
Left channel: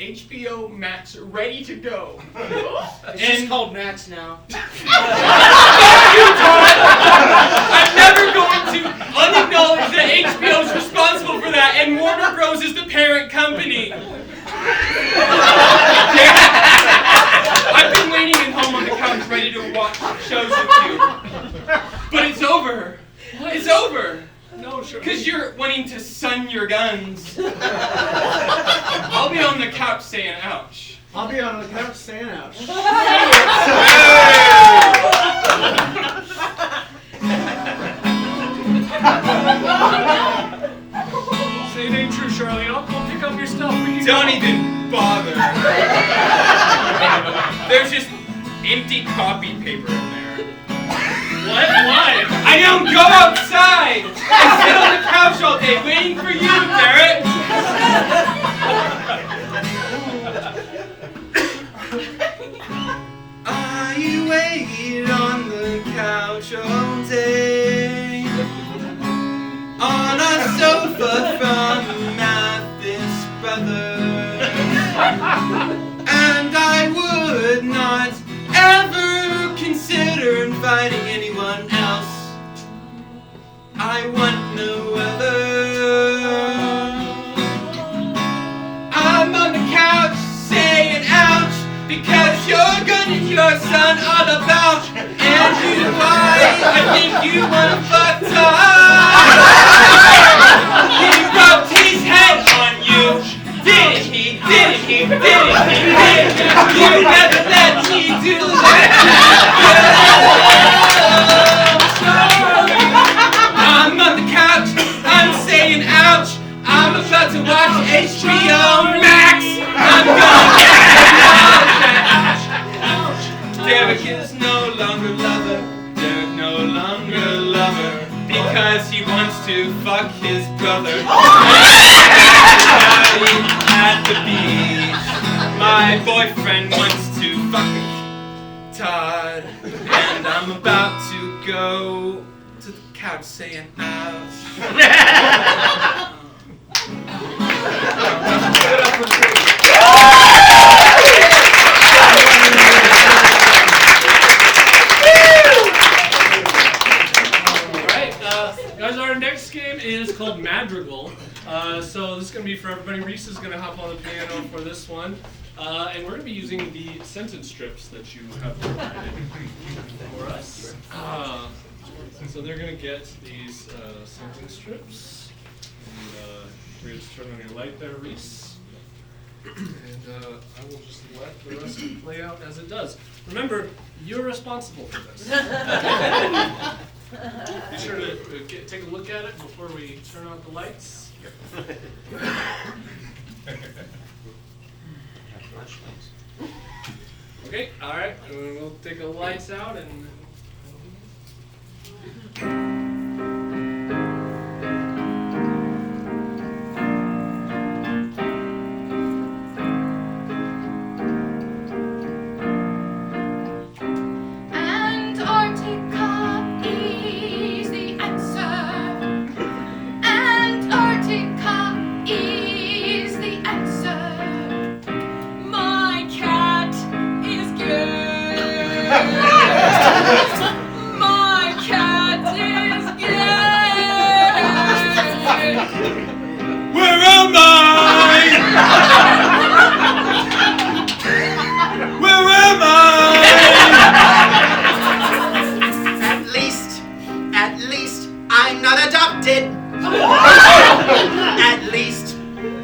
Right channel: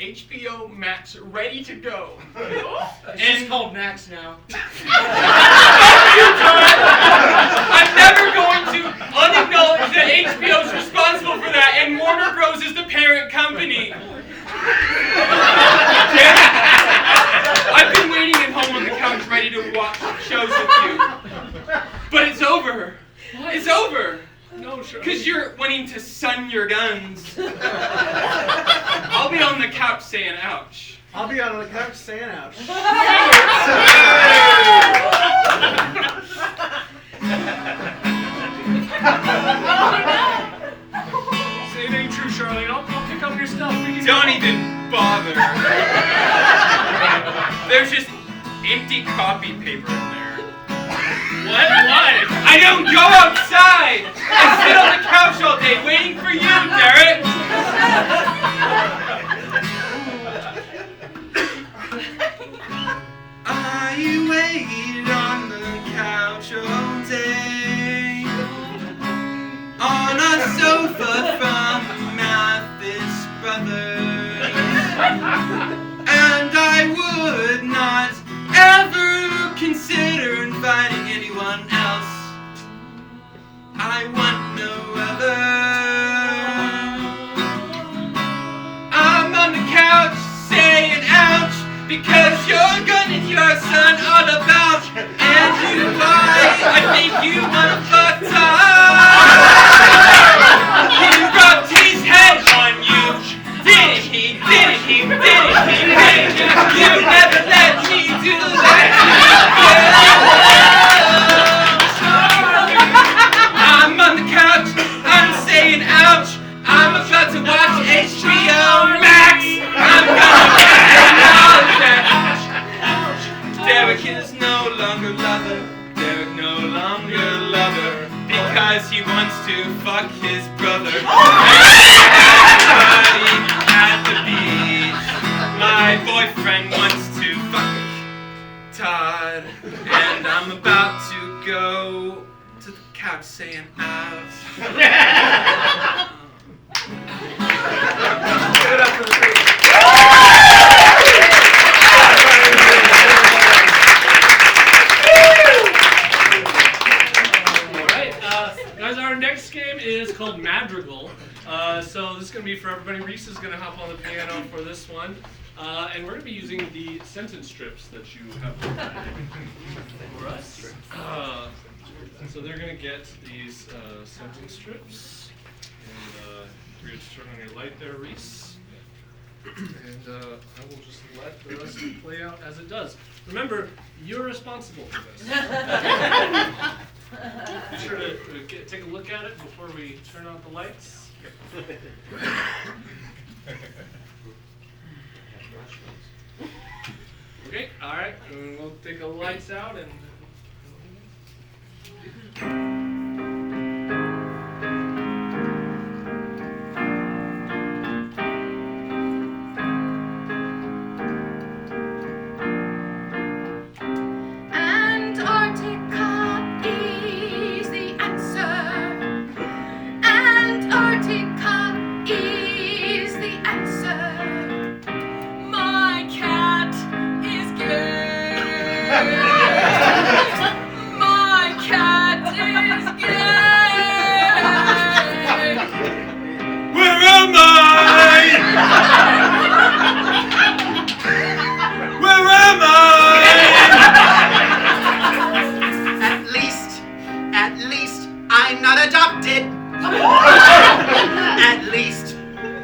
HBO Max ready to go. It's just called Max now. I'm never going to unacknowledge that HBO is responsible for that, and Warner Bros. Is the parent company. I've been waiting at home on the couch ready to watch shows with you. But it's over. What? It's over. No, Charlene. Because you're wanting to sun your guns. I'll be on the couch saying ouch. I'll be on the couch saying ouch. Say it ain't true, Charlene. I'll go pick up your stuff. We can Don't go. even bother. There's just empty copy paper in there. What? Why? I don't go outside! I sit on the couch all day waiting for you, Derek! I wait on the couch all day, on a sofa from Mathis Brothers, and I would not ever consider inviting anyone else. I want no other. I'm on the couch saying ouch, because you're good and your son all about, and you I think you wanna fuck time. He rubbed his head on you. Did he? Did he? Did he? Did he? You never let me do that. I'm on the couch, I'm saying ouch. I'm about to watch HBO Max. I'm gonna Derek is no longer lover. Derek no longer lover, because he wants to fuck his brother. Everybody at the beach. My boyfriend wants to fuck me, Todd, and I'm about to go to the couch saying ouch. Give it up for the crew. Guys, our next game is called Madrigal. So this is going to be for everybody. Reese is going to hop on the piano for this one. And we're going to be using the sentence strips that you have provided for us. So they're going to get these sentence strips. And we're going to turn on your light there, Reese. And I will just let the rest play out as it does. Remember, you're responsible for this. Be sure to take a look at it before we turn on the lights. Okay, all right, and we'll take the lights out and.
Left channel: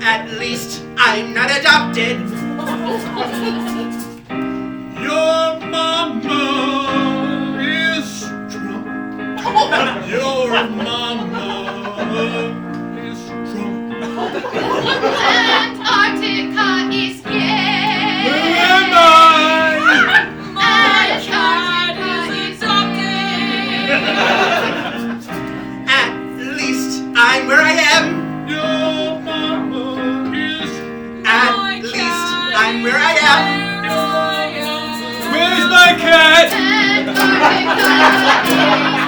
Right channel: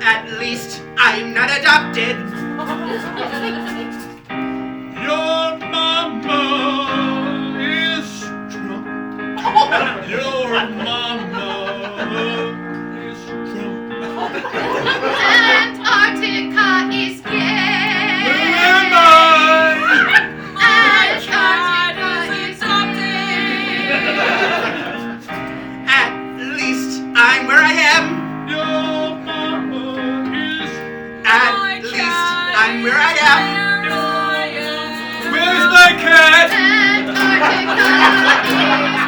At least, I'm not adopted. Your mama is drunk. Your mama is drunk. Antarctica is gay. Where am I? My cat is adopted. At least, I'm where I am. Your mama is. At least, I'm where I am. Where's my cat? Antarctica is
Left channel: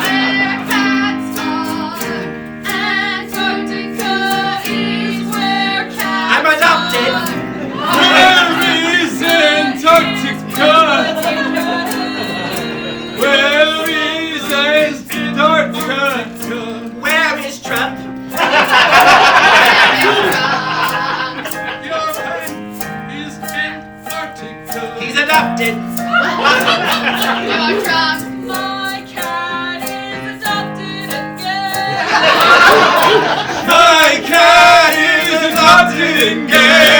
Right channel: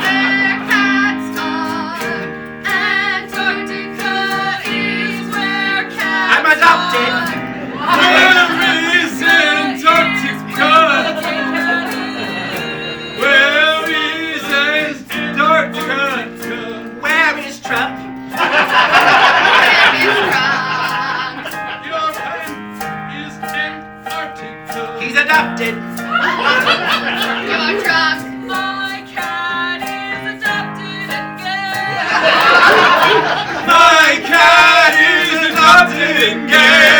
where cats are. Antarctica is where cats I'm adopted. Where is Antarctica? Where is Antarctica? Where is Trump? Your cat is Antarctica. He's adopted. You're drunk. My cat is adopted again. My cat is adopted again.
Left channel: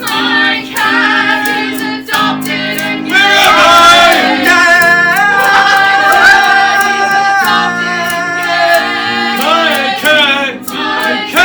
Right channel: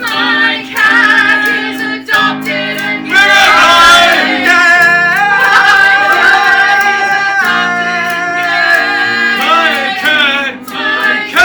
My cat is adopted again. Where am I? My cat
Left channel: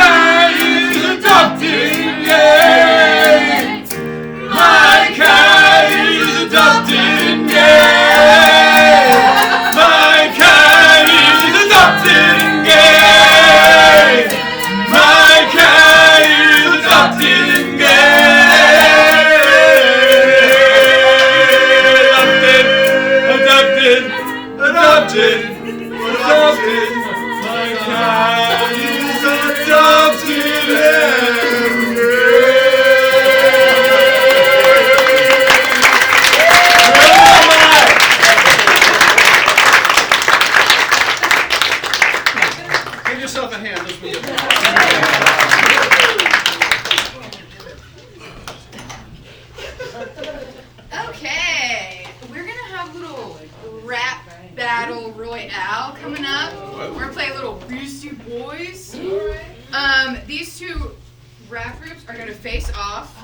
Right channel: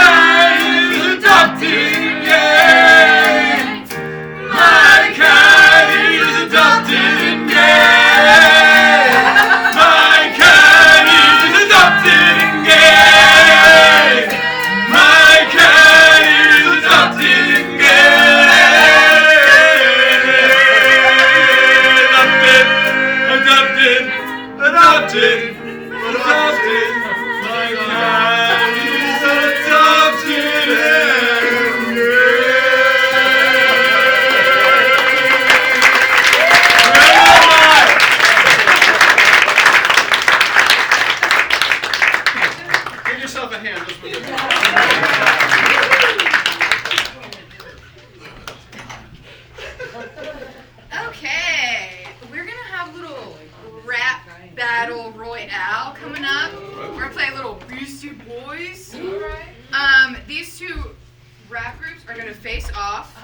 math groups are going to face off,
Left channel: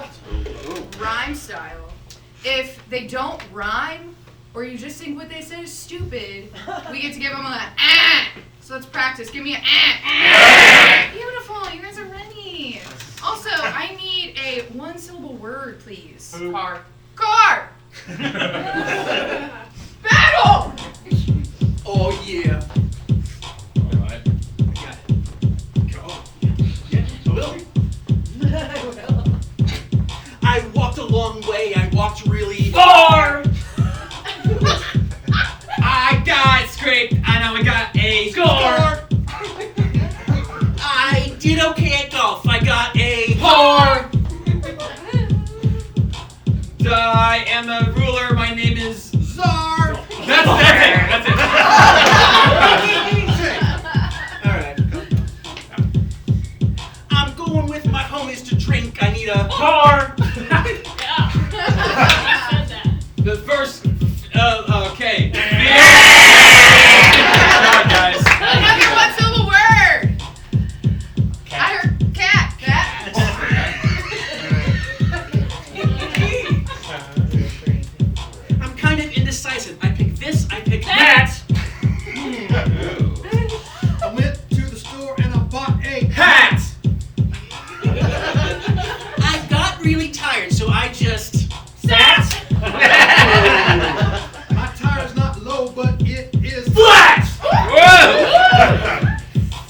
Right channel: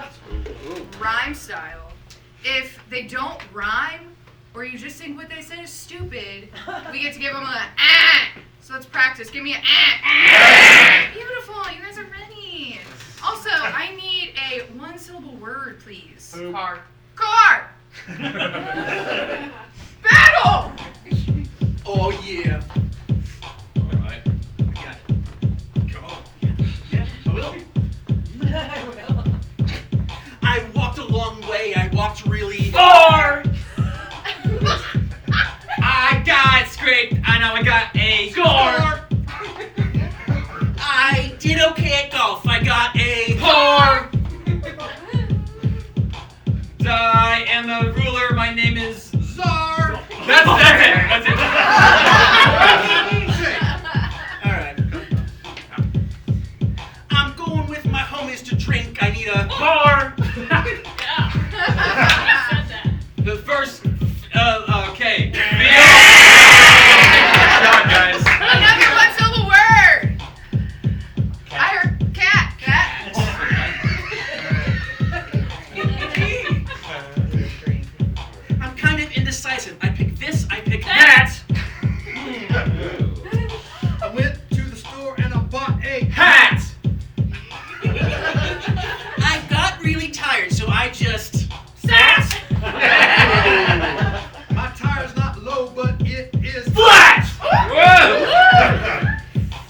rhyme style. If they don't rhyme, or you just think what they said is stupid, we get to give them a ah. So let's practice. Give me a ah. Beautiful. You guys are ready. Also, I need a one-syllable word, please. Car. Car. Battle. Oh yeah. All right. I got it. Go on. Yeah, I will. I walked a long way. I walked really Far. I got scraped. I know I got a Score. I did okay at golf. I got a Par. I am a ruler. My name is Czar! That's it. All right. I'm going with my homies to drink. I need a Par. The first. Okay. Good job, guys. Another one-syllable word. I heard cat. Cat. I'm kind of indecisive. I pick this. I pick that. I went to the store and I bought a Hat. I got really tired, so I just Sat. My tire's not low, but it is Flat. Whoa.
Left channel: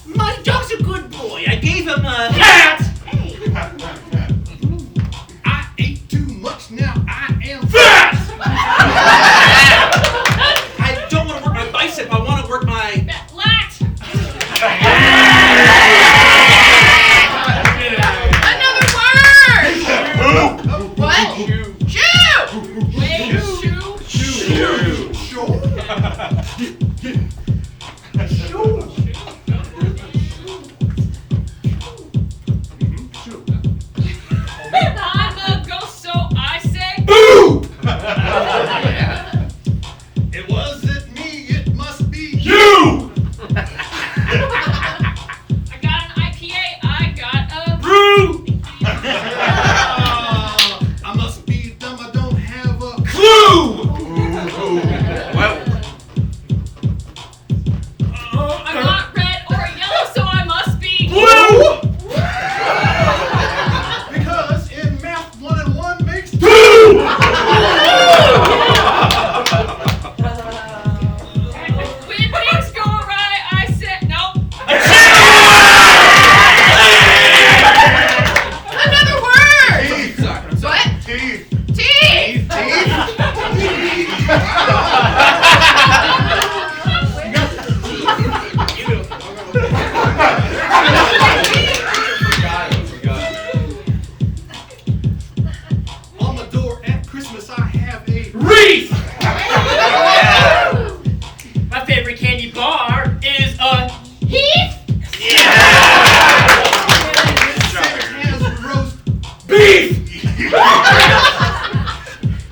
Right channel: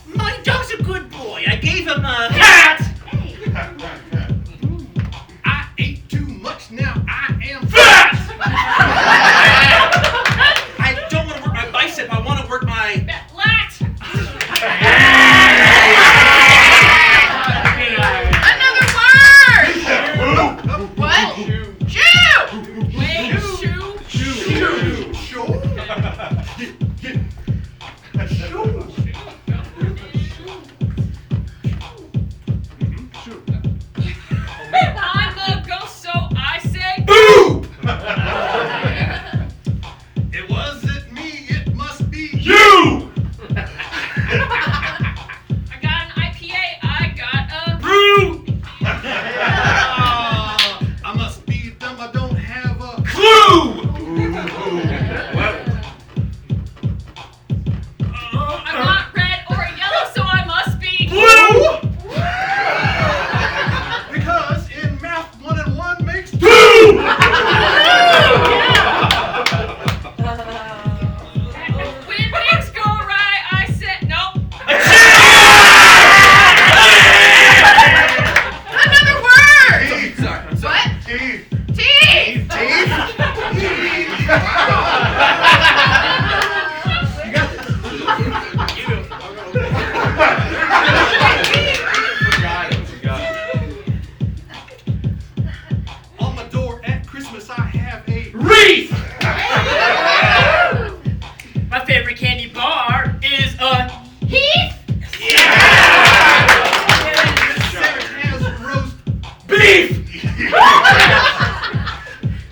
My dog's a good boy. I gave him a Cat. I ate too much now. I am Fat. I don't want to work my bicep. I want to work my Lat. Another word. What? Shoe. Wait. Shoe. I'm a ghost, so I say Boo. It wasn't me, it must be You. I got an IPA, I got a Brew. I must be dumb, I don't have a Clue. I'm not red or yellow, so I must be Blue. because in math 1 and 1 makes 2. When things go awry, I said nope. Another word. Teeth. Sorry. What? Teeth. Teeth. On my door at Christmas I have a Wreath. My favorite candy bar is a Heath. Sarah has roast Beef.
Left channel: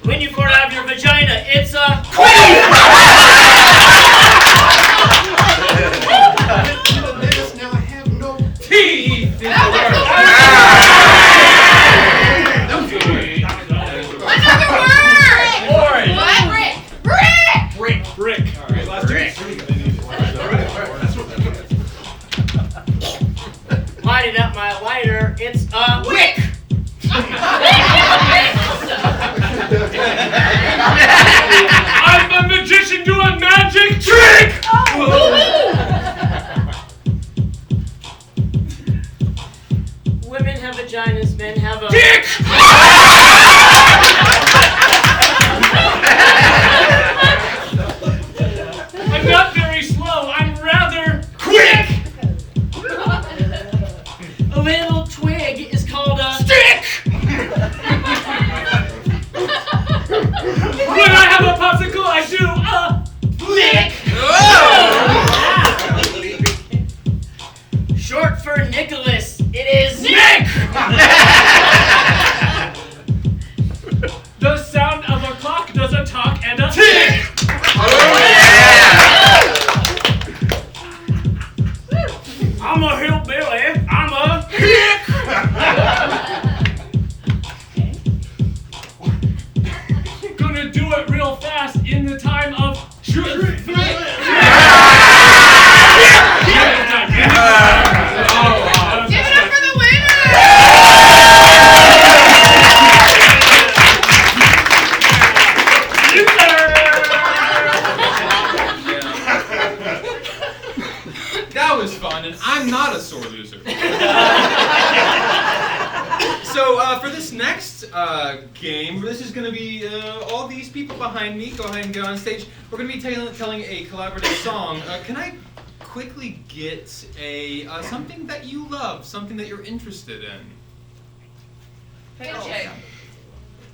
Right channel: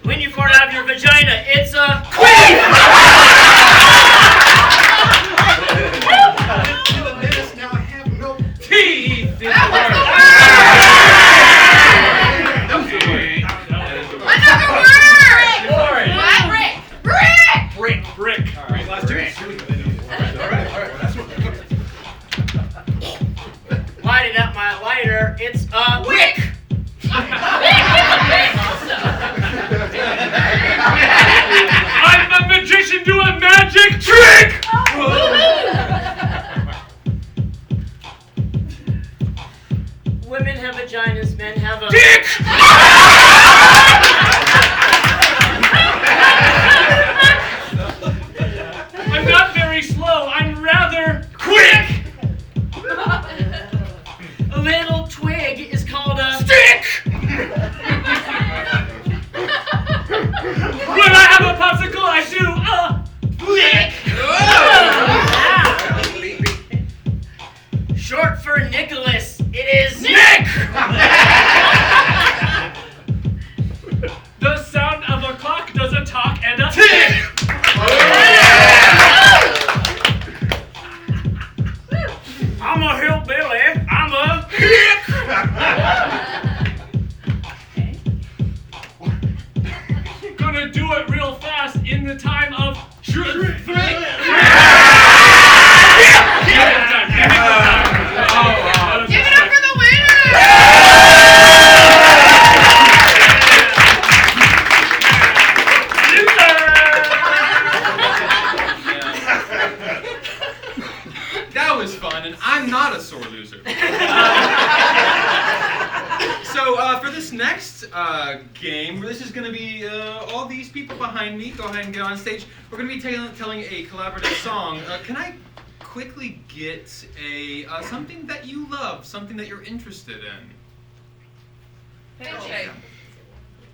when you fart out of your vagina. It's a I went to the dentist, now I have no Teeth. Another word. What? Brick. brick. Brick. All right. Last drink. Lighting up my lighter. It's a wick. I'm the magician. Do a magic trick. Women have vaginas, men have a Dick. I'm not very slow. I'm rather quick. A little twig is called a Stick. When I have a popsicle, I do a lick. Short for Nicholas. It is Nick. The sound of a clock does a talk and a tick. I'm a hillbilly. I'm a Kick. next game, this is going to be all these people behind me. Go ahead and get on stage. We're going to be telling a collaborative song. Can I quickly get a something that you love, something that you're interested in? Painting.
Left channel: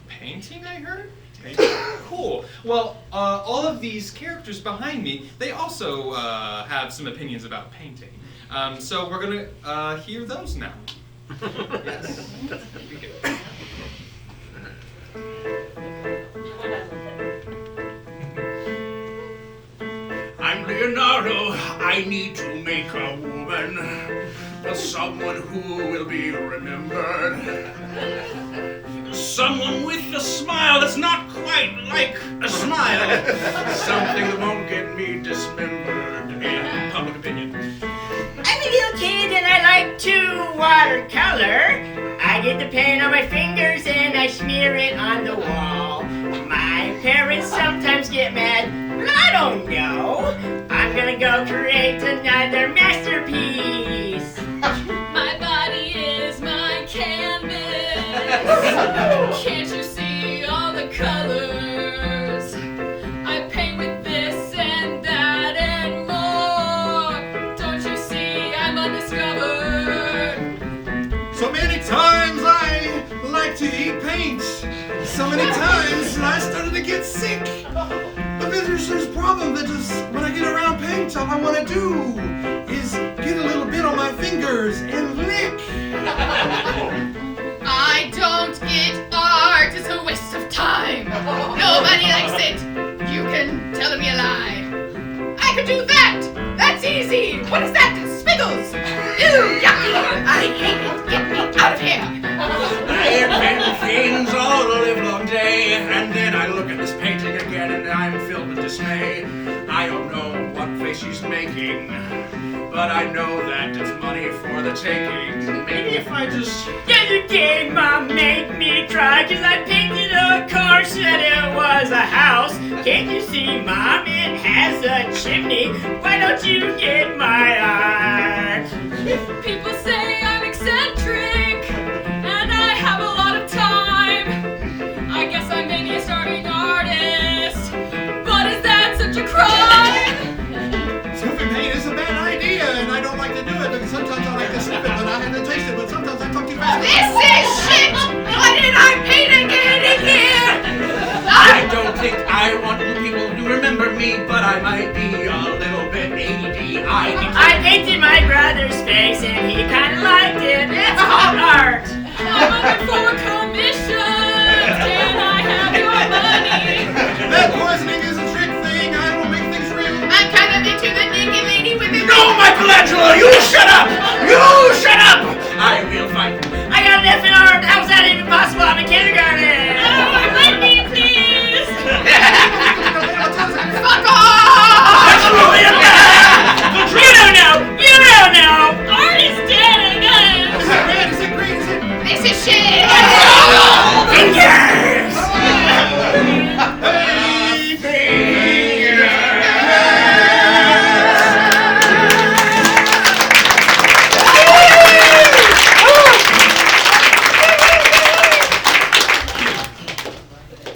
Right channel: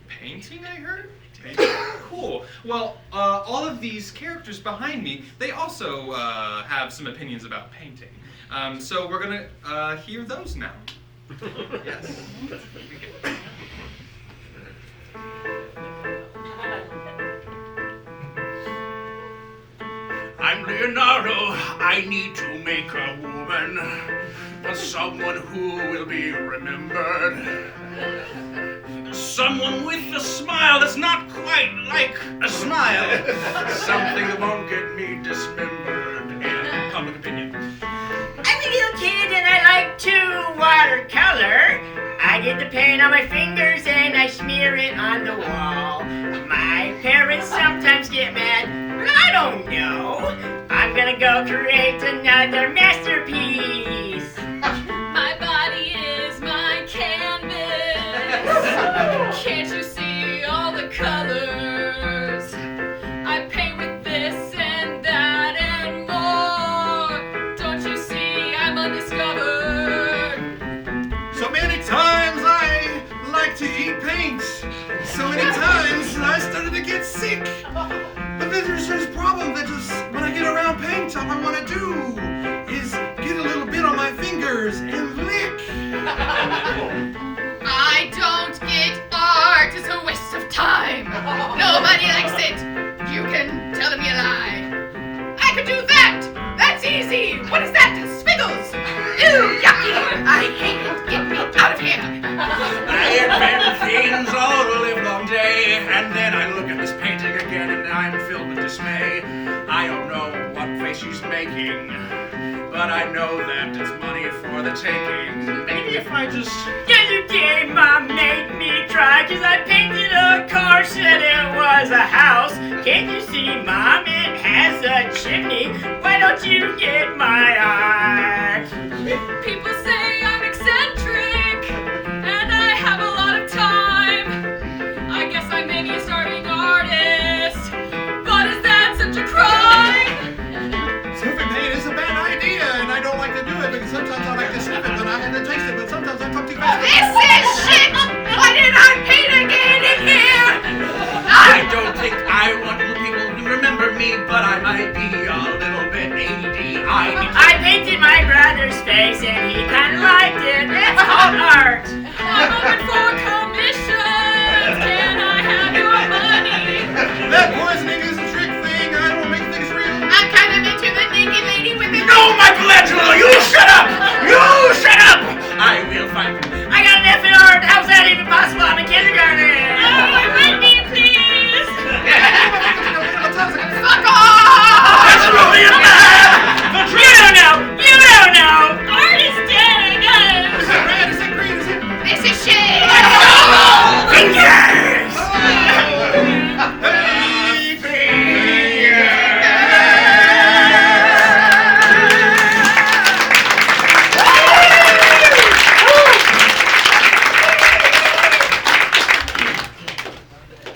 Painting, I heard? Painting. Cool. Well, all of these characters behind me, they also have some opinions about painting. So we're going to hear those now. Yes. I'm Leonardo. I need to make a woman, but someone who will be remembered. Someone with a smile that's not quite like a smile. Something that won't get me dismembered in public opinion. I'm a little kid and I like to watercolor. I get the paint on my fingers and I smear it on the wall. My parents sometimes get mad, but I don't know. I'm gonna go create another masterpiece. My body is my canvas. Can't you see all the colors? I paint with this and that and more. Don't you see I'm undiscovered? So many times I like to eat paint. So many times I started to get sick. But there's this problem that just when I get around paint, all I want to do is get a little bit on my fingers and lick. I don't get art. It's a waste of time. Nobody likes it. You can tell me a lie. I could do that. That's easy. What is that? Squiggles. Ew, yucky. I hate it. Get me out of here. I invent things all the livelong day, and then I look at this painting again and I'm filled with dismay. I don't know what face she's making, but I know that it's money for the taking. Maybe if I just... Yesterday, Mom made me cry 'cause I painted a car, said it was a house. Can't you see, Mom, it has a chimney? Why don't you get my art? People say I'm eccentric, and I have a lot of time. I guess I may be a starving artist, but is that such a crime? Sniffing paint is a bad idea, and I don't like to do it because sometimes I like to sniff it, but I have to taste it, but sometimes I talk too fast. This is shit! Why did I paint again in here? I don't think I want people to remember me, but I might be a little bit ADD. I painted my brother's face and he kind of liked it. It's called art. I'm looking for commissions. Can I have your money? That poisoning is a trick thing. I don't make things real. I'm kind of into the naked lady with the... No, Michelangelo, you shut up! You shut up! I will find... I got an F in art. How's that even possible? I'm in kindergarten. Oh, Wendy, please! Fuck off! That's really a bad! You don't know. You don't know. Art is dead again! Is it red? Is it green? Is it... This is shit! Fingers!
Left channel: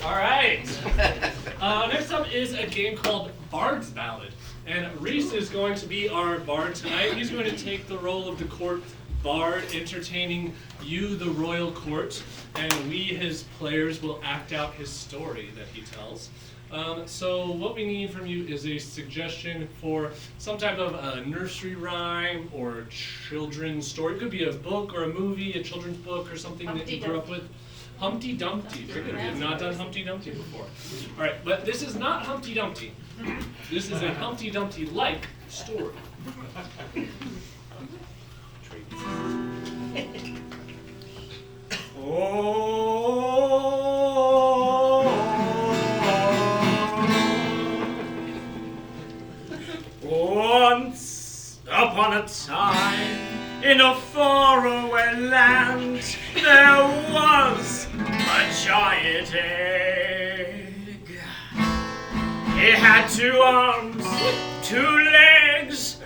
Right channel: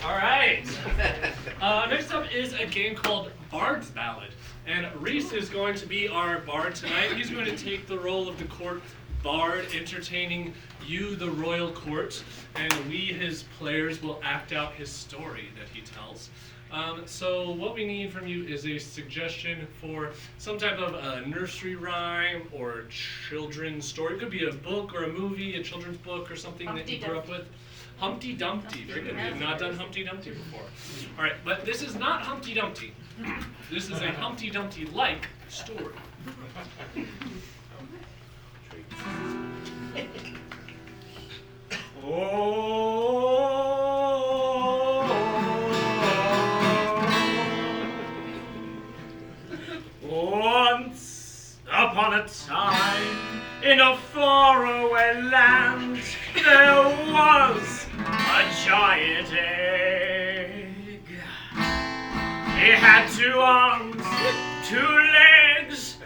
All right. Next up is a game called Bard's Ballad. And Reese is going to be our bard tonight. He's going to take the role of the court bard, entertaining you, the royal court, and we, his players, will act out his story that he tells. So what we need from you is a suggestion for some type of a nursery rhyme or children's story. It could be a book or a movie, a children's book or something that you grew up with. Humpty Dumpty. Very good. We have not done Humpty Dumpty before. All right, but this is not Humpty Dumpty. This is a Humpty Dumpty-like story. Once upon a time, in a faraway land, there was a giant egg. It had 2 arms, 2 legs,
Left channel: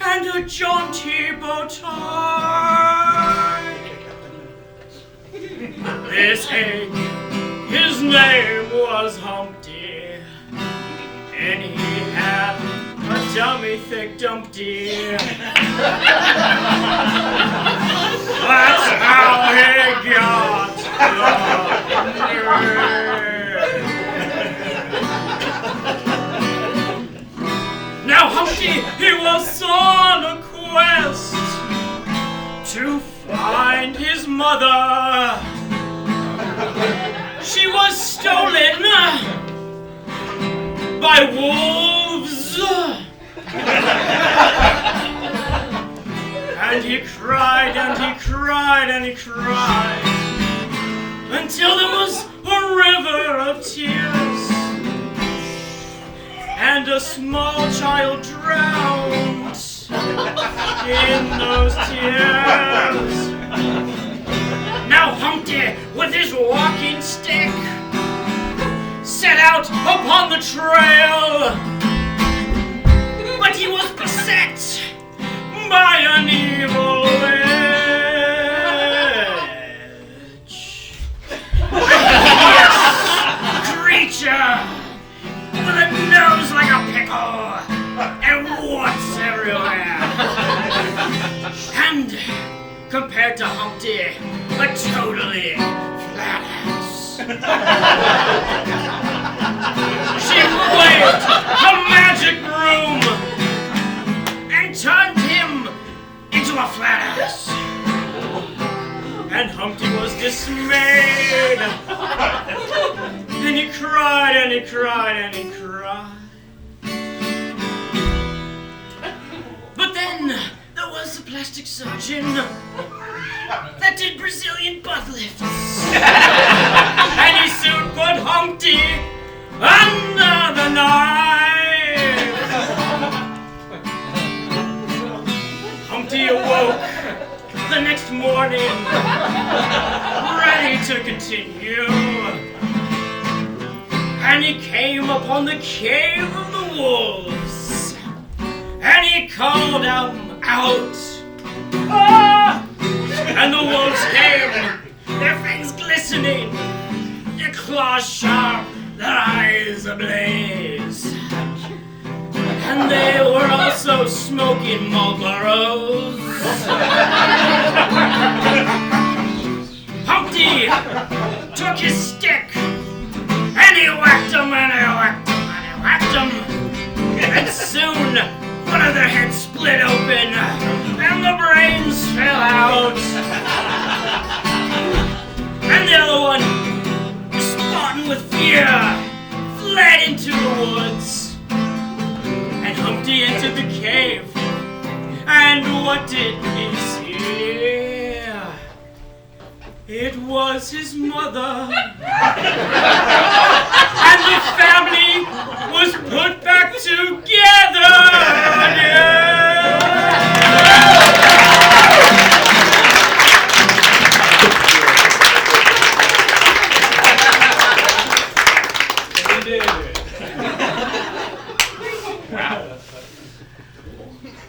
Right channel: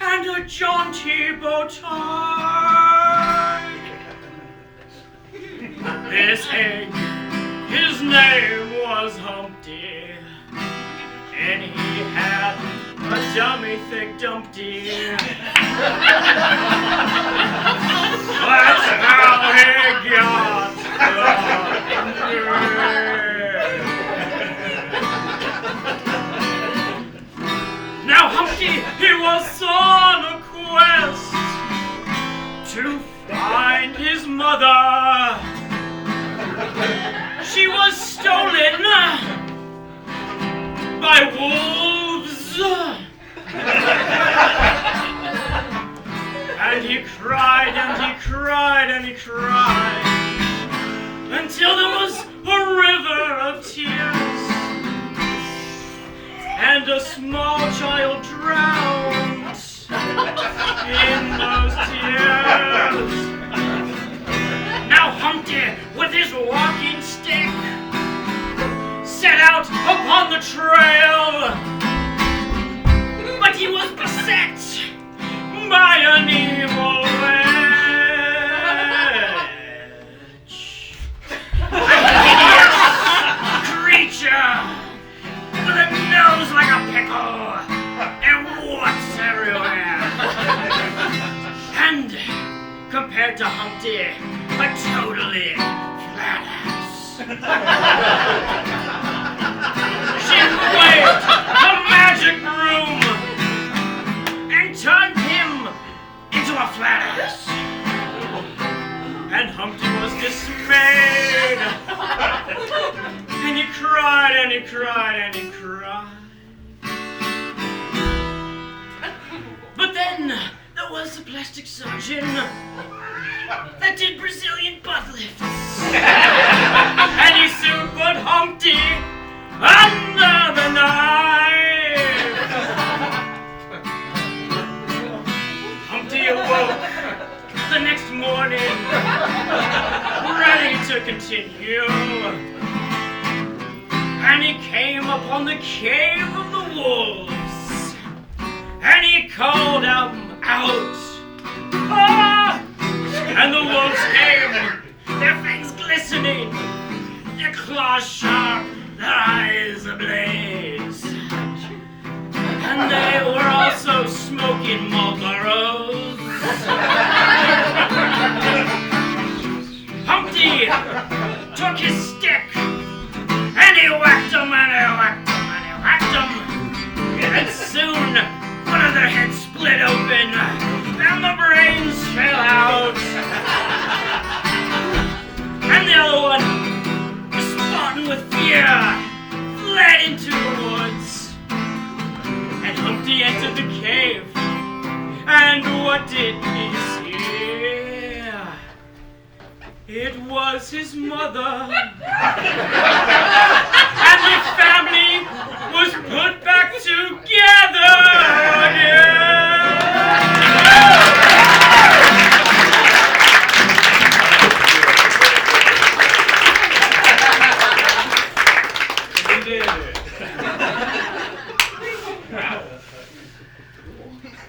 and a jaunty bow tie. This Humpty. That's how he got Now Humpty, he was on a quest to find his mother. She was stolen by wolves. And he cried and he cried and he cried until there was a river of tears. And a small child drowned in those tears. Now Humpty, with his walking stick, set out upon the trail. But he was beset by an evil witch. A hideous creature with a nose like a pickle and warts everywhere. And compared to Humpty, a totally flat ass. She waved a magic broom and turned him into a flat ass. And Humpty was dismayed. And he cried and he cried and he cried. But then there was a plastic surgeon that did Brazilian butt lifts. And he soon put Humpty under the knife. Humpty awoke the next morning, ready to continue. And he came upon the cave of the wolves. And he called them out. Ah! And the wolves came, their fangs glistening, their claws sharp, their eyes ablaze. And they were also smoking Marlboros. Humpty took his stick and he whacked them and he whacked them and he whacked them. And soon one of their heads split open and the brains fell out. And the other one, responding with fear, fled into the woods. And Humpty entered the cave. And what did he see? It was his mother. And the family was put back together again. You did it.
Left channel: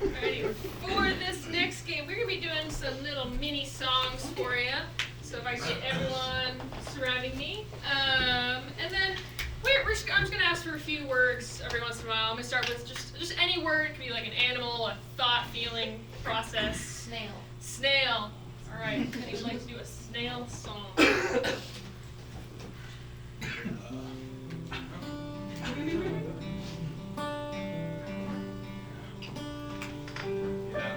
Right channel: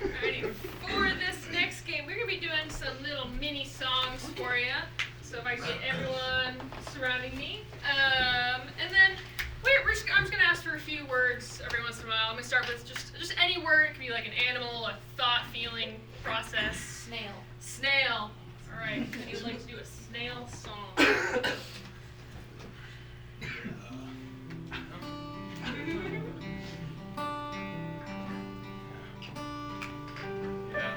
Alrighty, for this next game, we're going to be doing some little mini songs for you. So if I can get everyone surrounding me. And then I'm just going to ask for a few words every once in a while. I'm going to start with just any word. It could be like an animal, a thought, feeling, process. Snail. Snail. Alright, anyone would like to do a snail song? Yeah.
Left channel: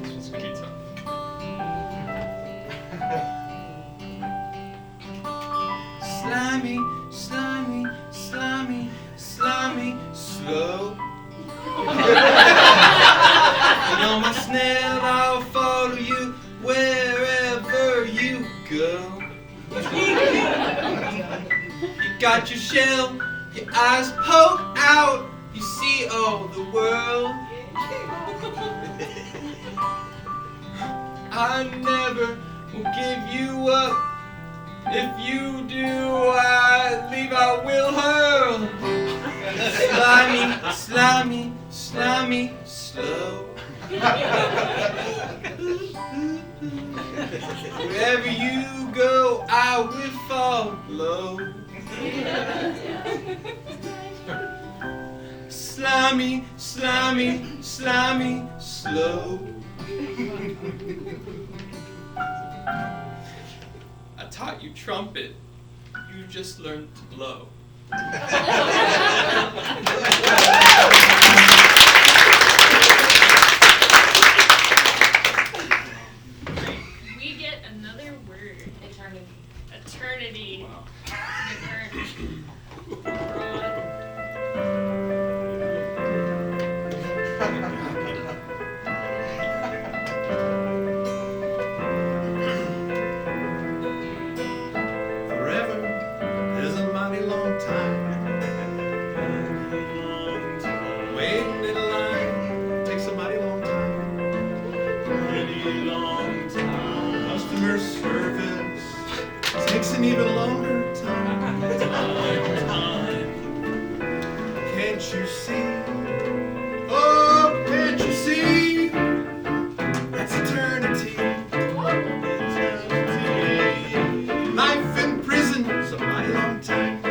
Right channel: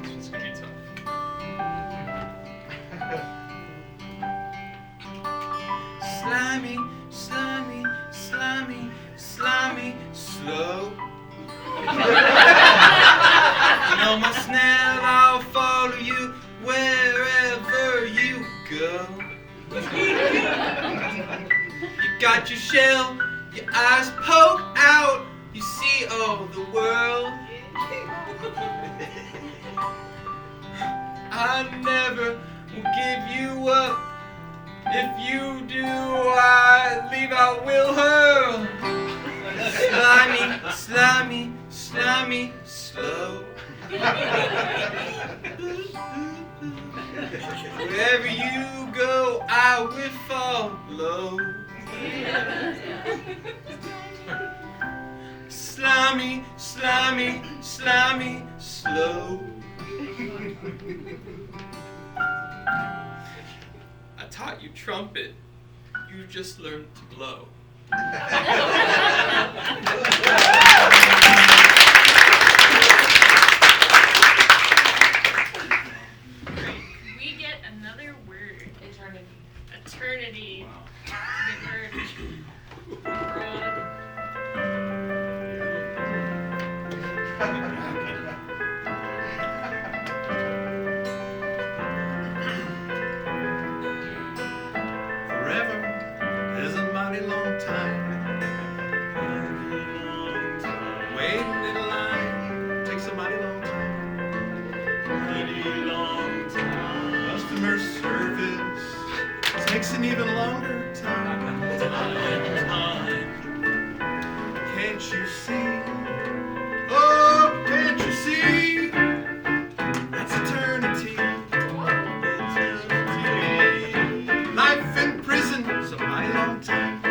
This one's gonna be tough. Slimy, slimy, slimy, slimy, slow. You know my snail, I'll follow you wherever you go. You got your shell, your eyes poke out, you see all the world. I never will give you up. If you do, I leave, I will hurl. Slimy, slimy, slimy, slow. Wherever you go, I will follow. slimy, slimy, slimy, slow. I taught you trumpet, you just learned to blow. We get another word. Eternity. Eternity. Wow. Good word. Broad. Forever is a mighty long time. Waiting in a line takes a mighty long time. Customer service takes an even longer time. Can't you see? Oh, can't you see? That's eternity. Life in prison's a mighty long time.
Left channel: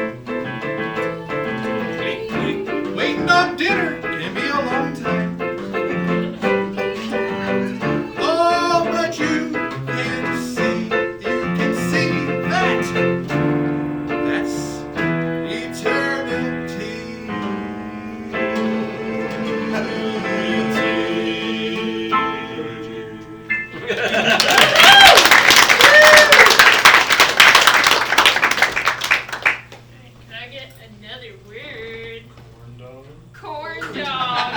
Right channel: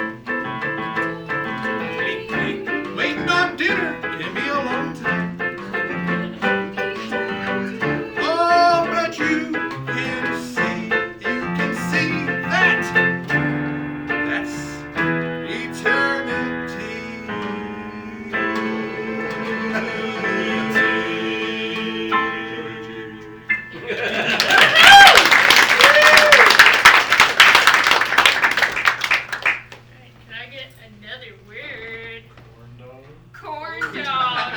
Waiting on dinner can be a long time. Oh, but you can see that. That's eternity. Can I get another word? Corn dog.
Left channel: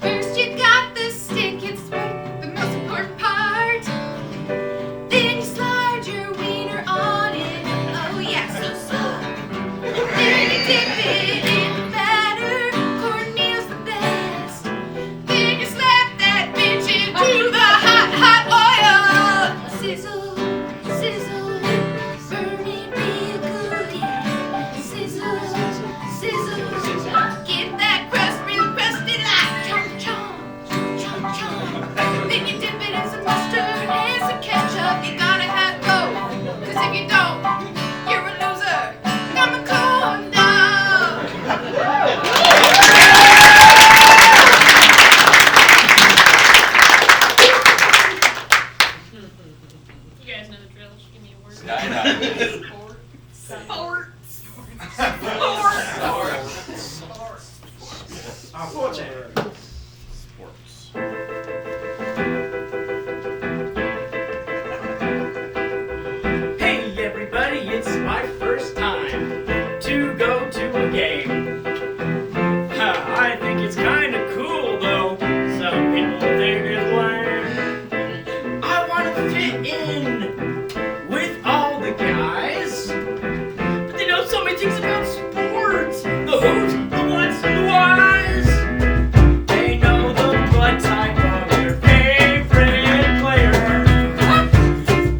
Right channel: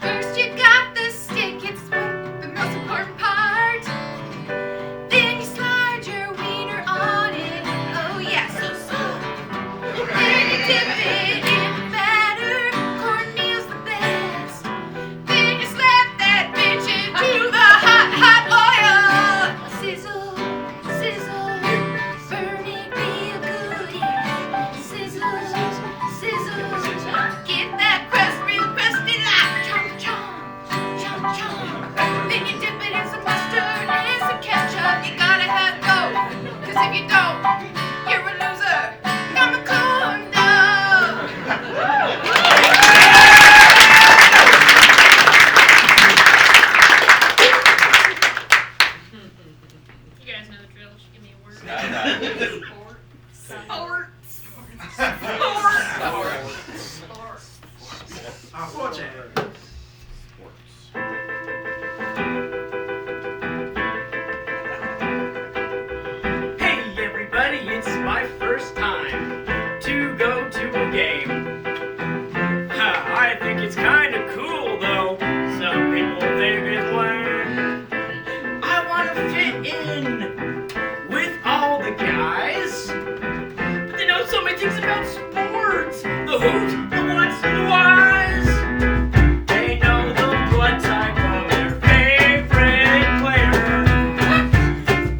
First you got the stick, it's the most important part. Then you slide your wiener on it. Oh yeah, so slow. Then you dip it in the batter. Cornmeal's the best. Then you slap that bitch into the hot, hot oil. Sizzle, sizzle, burn it real good, yeah. Sizzle, sizzle, get that crust real crusty like chomp, chomp, chomp, chomp. Then you dip it in some mustard and some ketchup. You gotta have both, 'cause if you don't, you're a loser. I'm a corn dog. You guys know the drill. Just give me a word. Hey everybody, it's my first time to go to a game. I think it's kinda cool though, some people think it's lame. I wanna fit in with all the guys, but they know so many things about sports. The who's, the what's, and the whys. They know the blood type of their favorite player.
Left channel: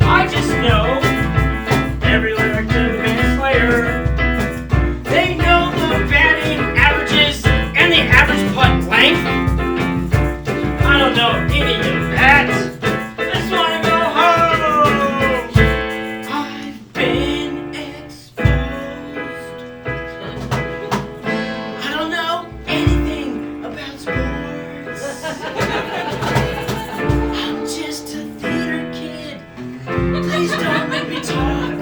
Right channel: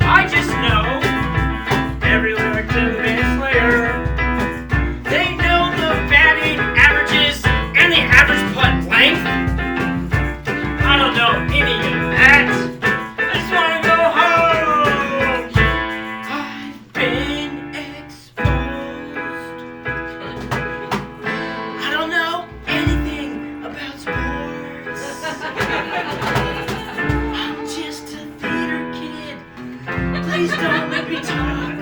I just know every lyric to the band Slayer. They know the batting averages and the average putt length. I don't know any of that. I just wanna go home. I've been exposed. I don't know anything about sports. I'm just a theater kid. Please don't make me talk.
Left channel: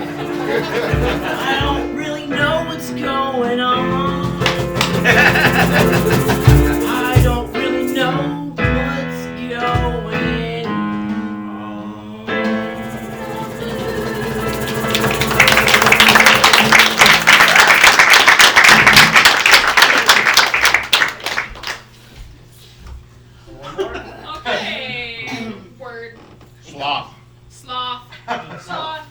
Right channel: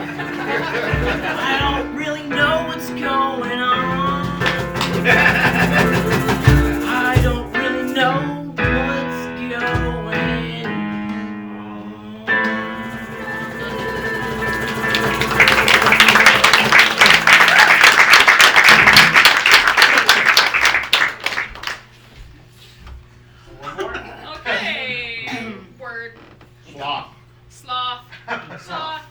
I don't really know what's going on. I don't really know what's going on. Okay. Word. Sloth. Sloth. Sloth.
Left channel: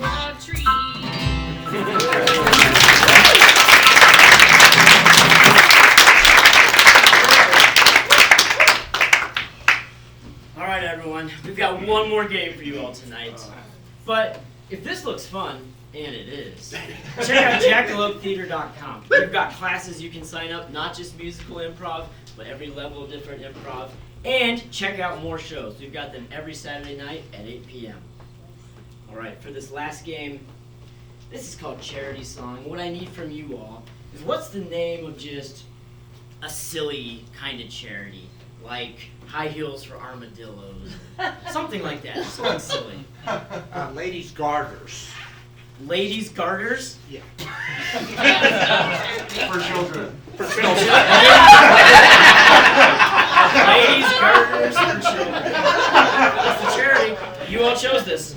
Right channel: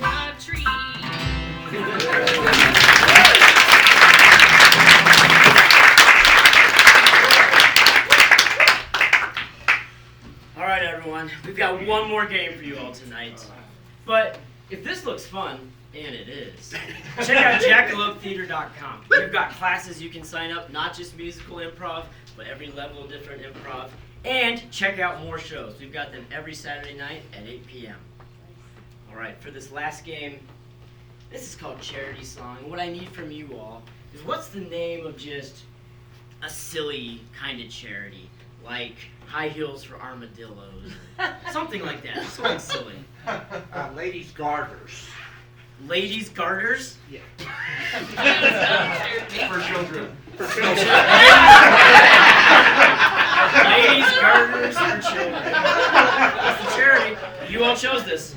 a tree. All right, everyone. We've got one more game for you all tonight. But if this looks fun, and it is, check out jackaloptheater.com. We've got classes you can sign up, not just musical improv, but every level of different improv. And check out more shows. We've got them every Saturday night at 8 p.m. All right, for this last game, this is called Charity Song. What I need from you all is what's the name of just a silly kind of charity? Like High Heels for Armadillos, or something like that. Something silly. Ladies' garters. Ladies' garters? Yeah. For children. Ladies' garters for children. That's the charity. You all chose this.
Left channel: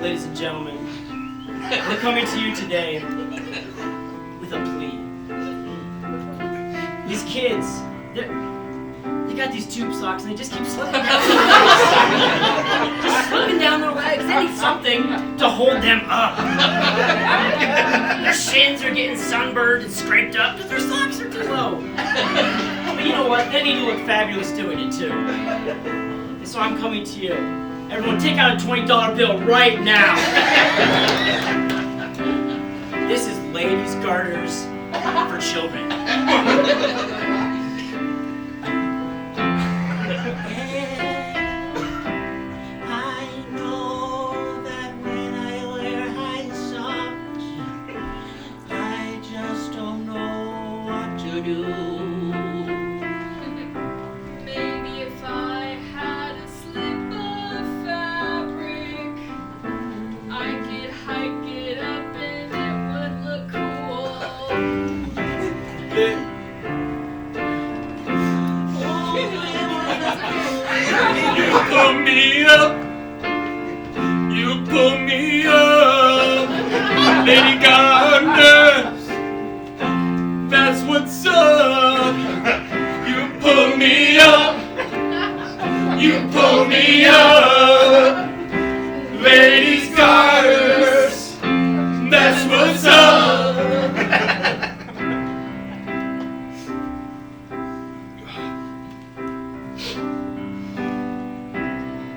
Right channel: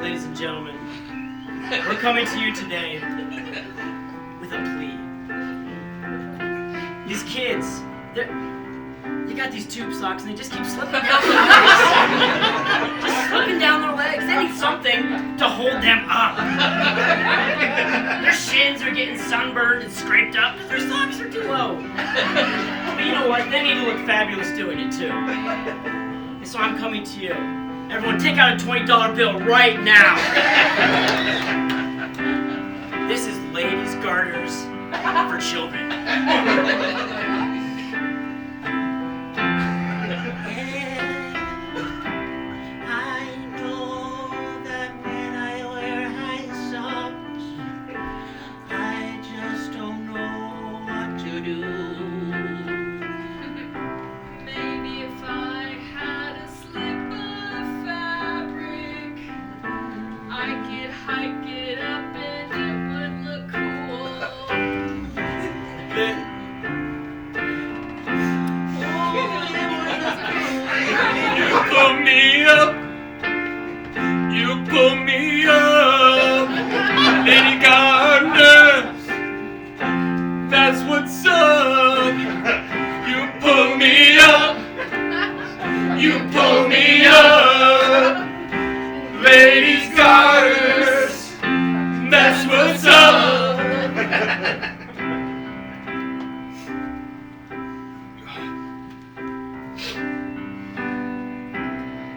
Ladies and gentlemen, we're coming to you today with a plea. These kids, they got these tube socks and they just keep slipping down their legs. Just slipping down their legs. They need something to hold them up. Their shins are getting sunburned and scraped up because their socks are too low. But you know what? They need to look fabulous doing it too. And so I'm coming to you. Everyone take out a $20 bill right now. This is Ladies' Garters for Children. I know that when I wear high socks, I just don't know what to do. Maybe if I had a slip of fabric, I could hike it up and it would look cool. You pull me up. You pull me up. Lady Gardner. That's what's up. You pull me up. You pull me up. Ladies' garters. That's what's up.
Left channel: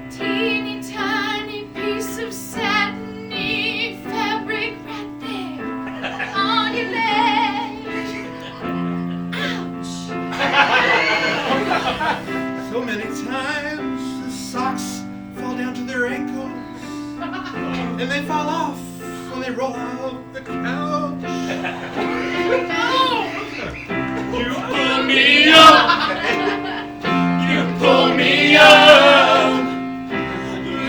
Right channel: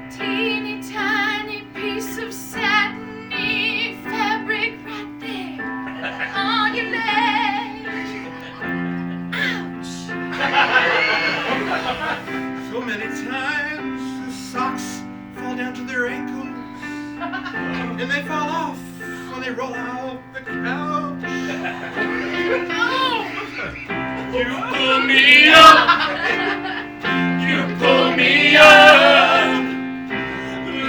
Teeny tiny piece of satiny fabric right there on your leg. Ouch. So many times the socks fall down to their ankles, and they fall off when they roll out the couch. You pull me up. You pull me up.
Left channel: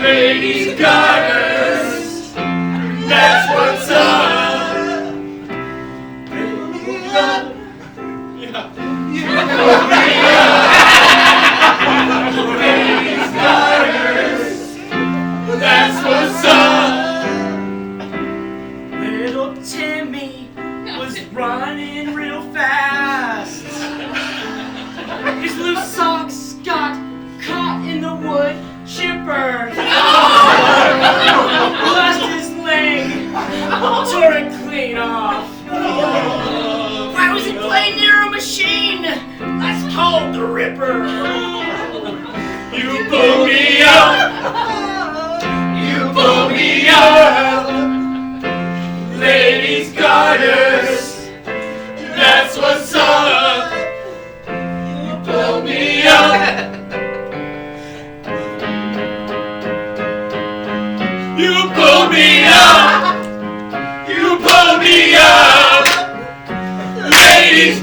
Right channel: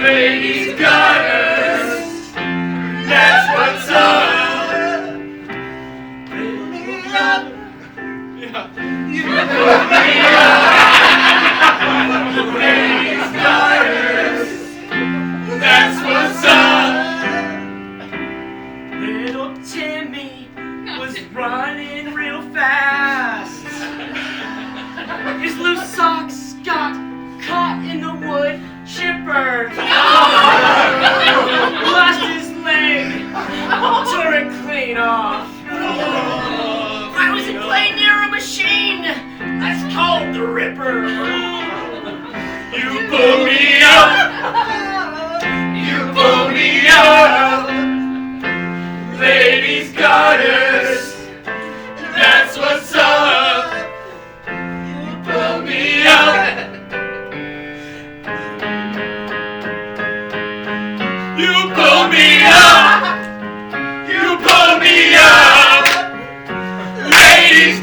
Ladies' garters. That's what's up. Pull me up. Yeah. You pull me up. Ladies' garters. That's what's up. Little Timmy was running real fast. His loose socks got caught in the wood chipper. Lost his leg, tore it clean off. Why was he playing near a machine? That's called the Ripper. You pull me up. You pull me up. Ladies' garters. That's what's up. You pull me up. You pull me up. You pull me up. Ladies'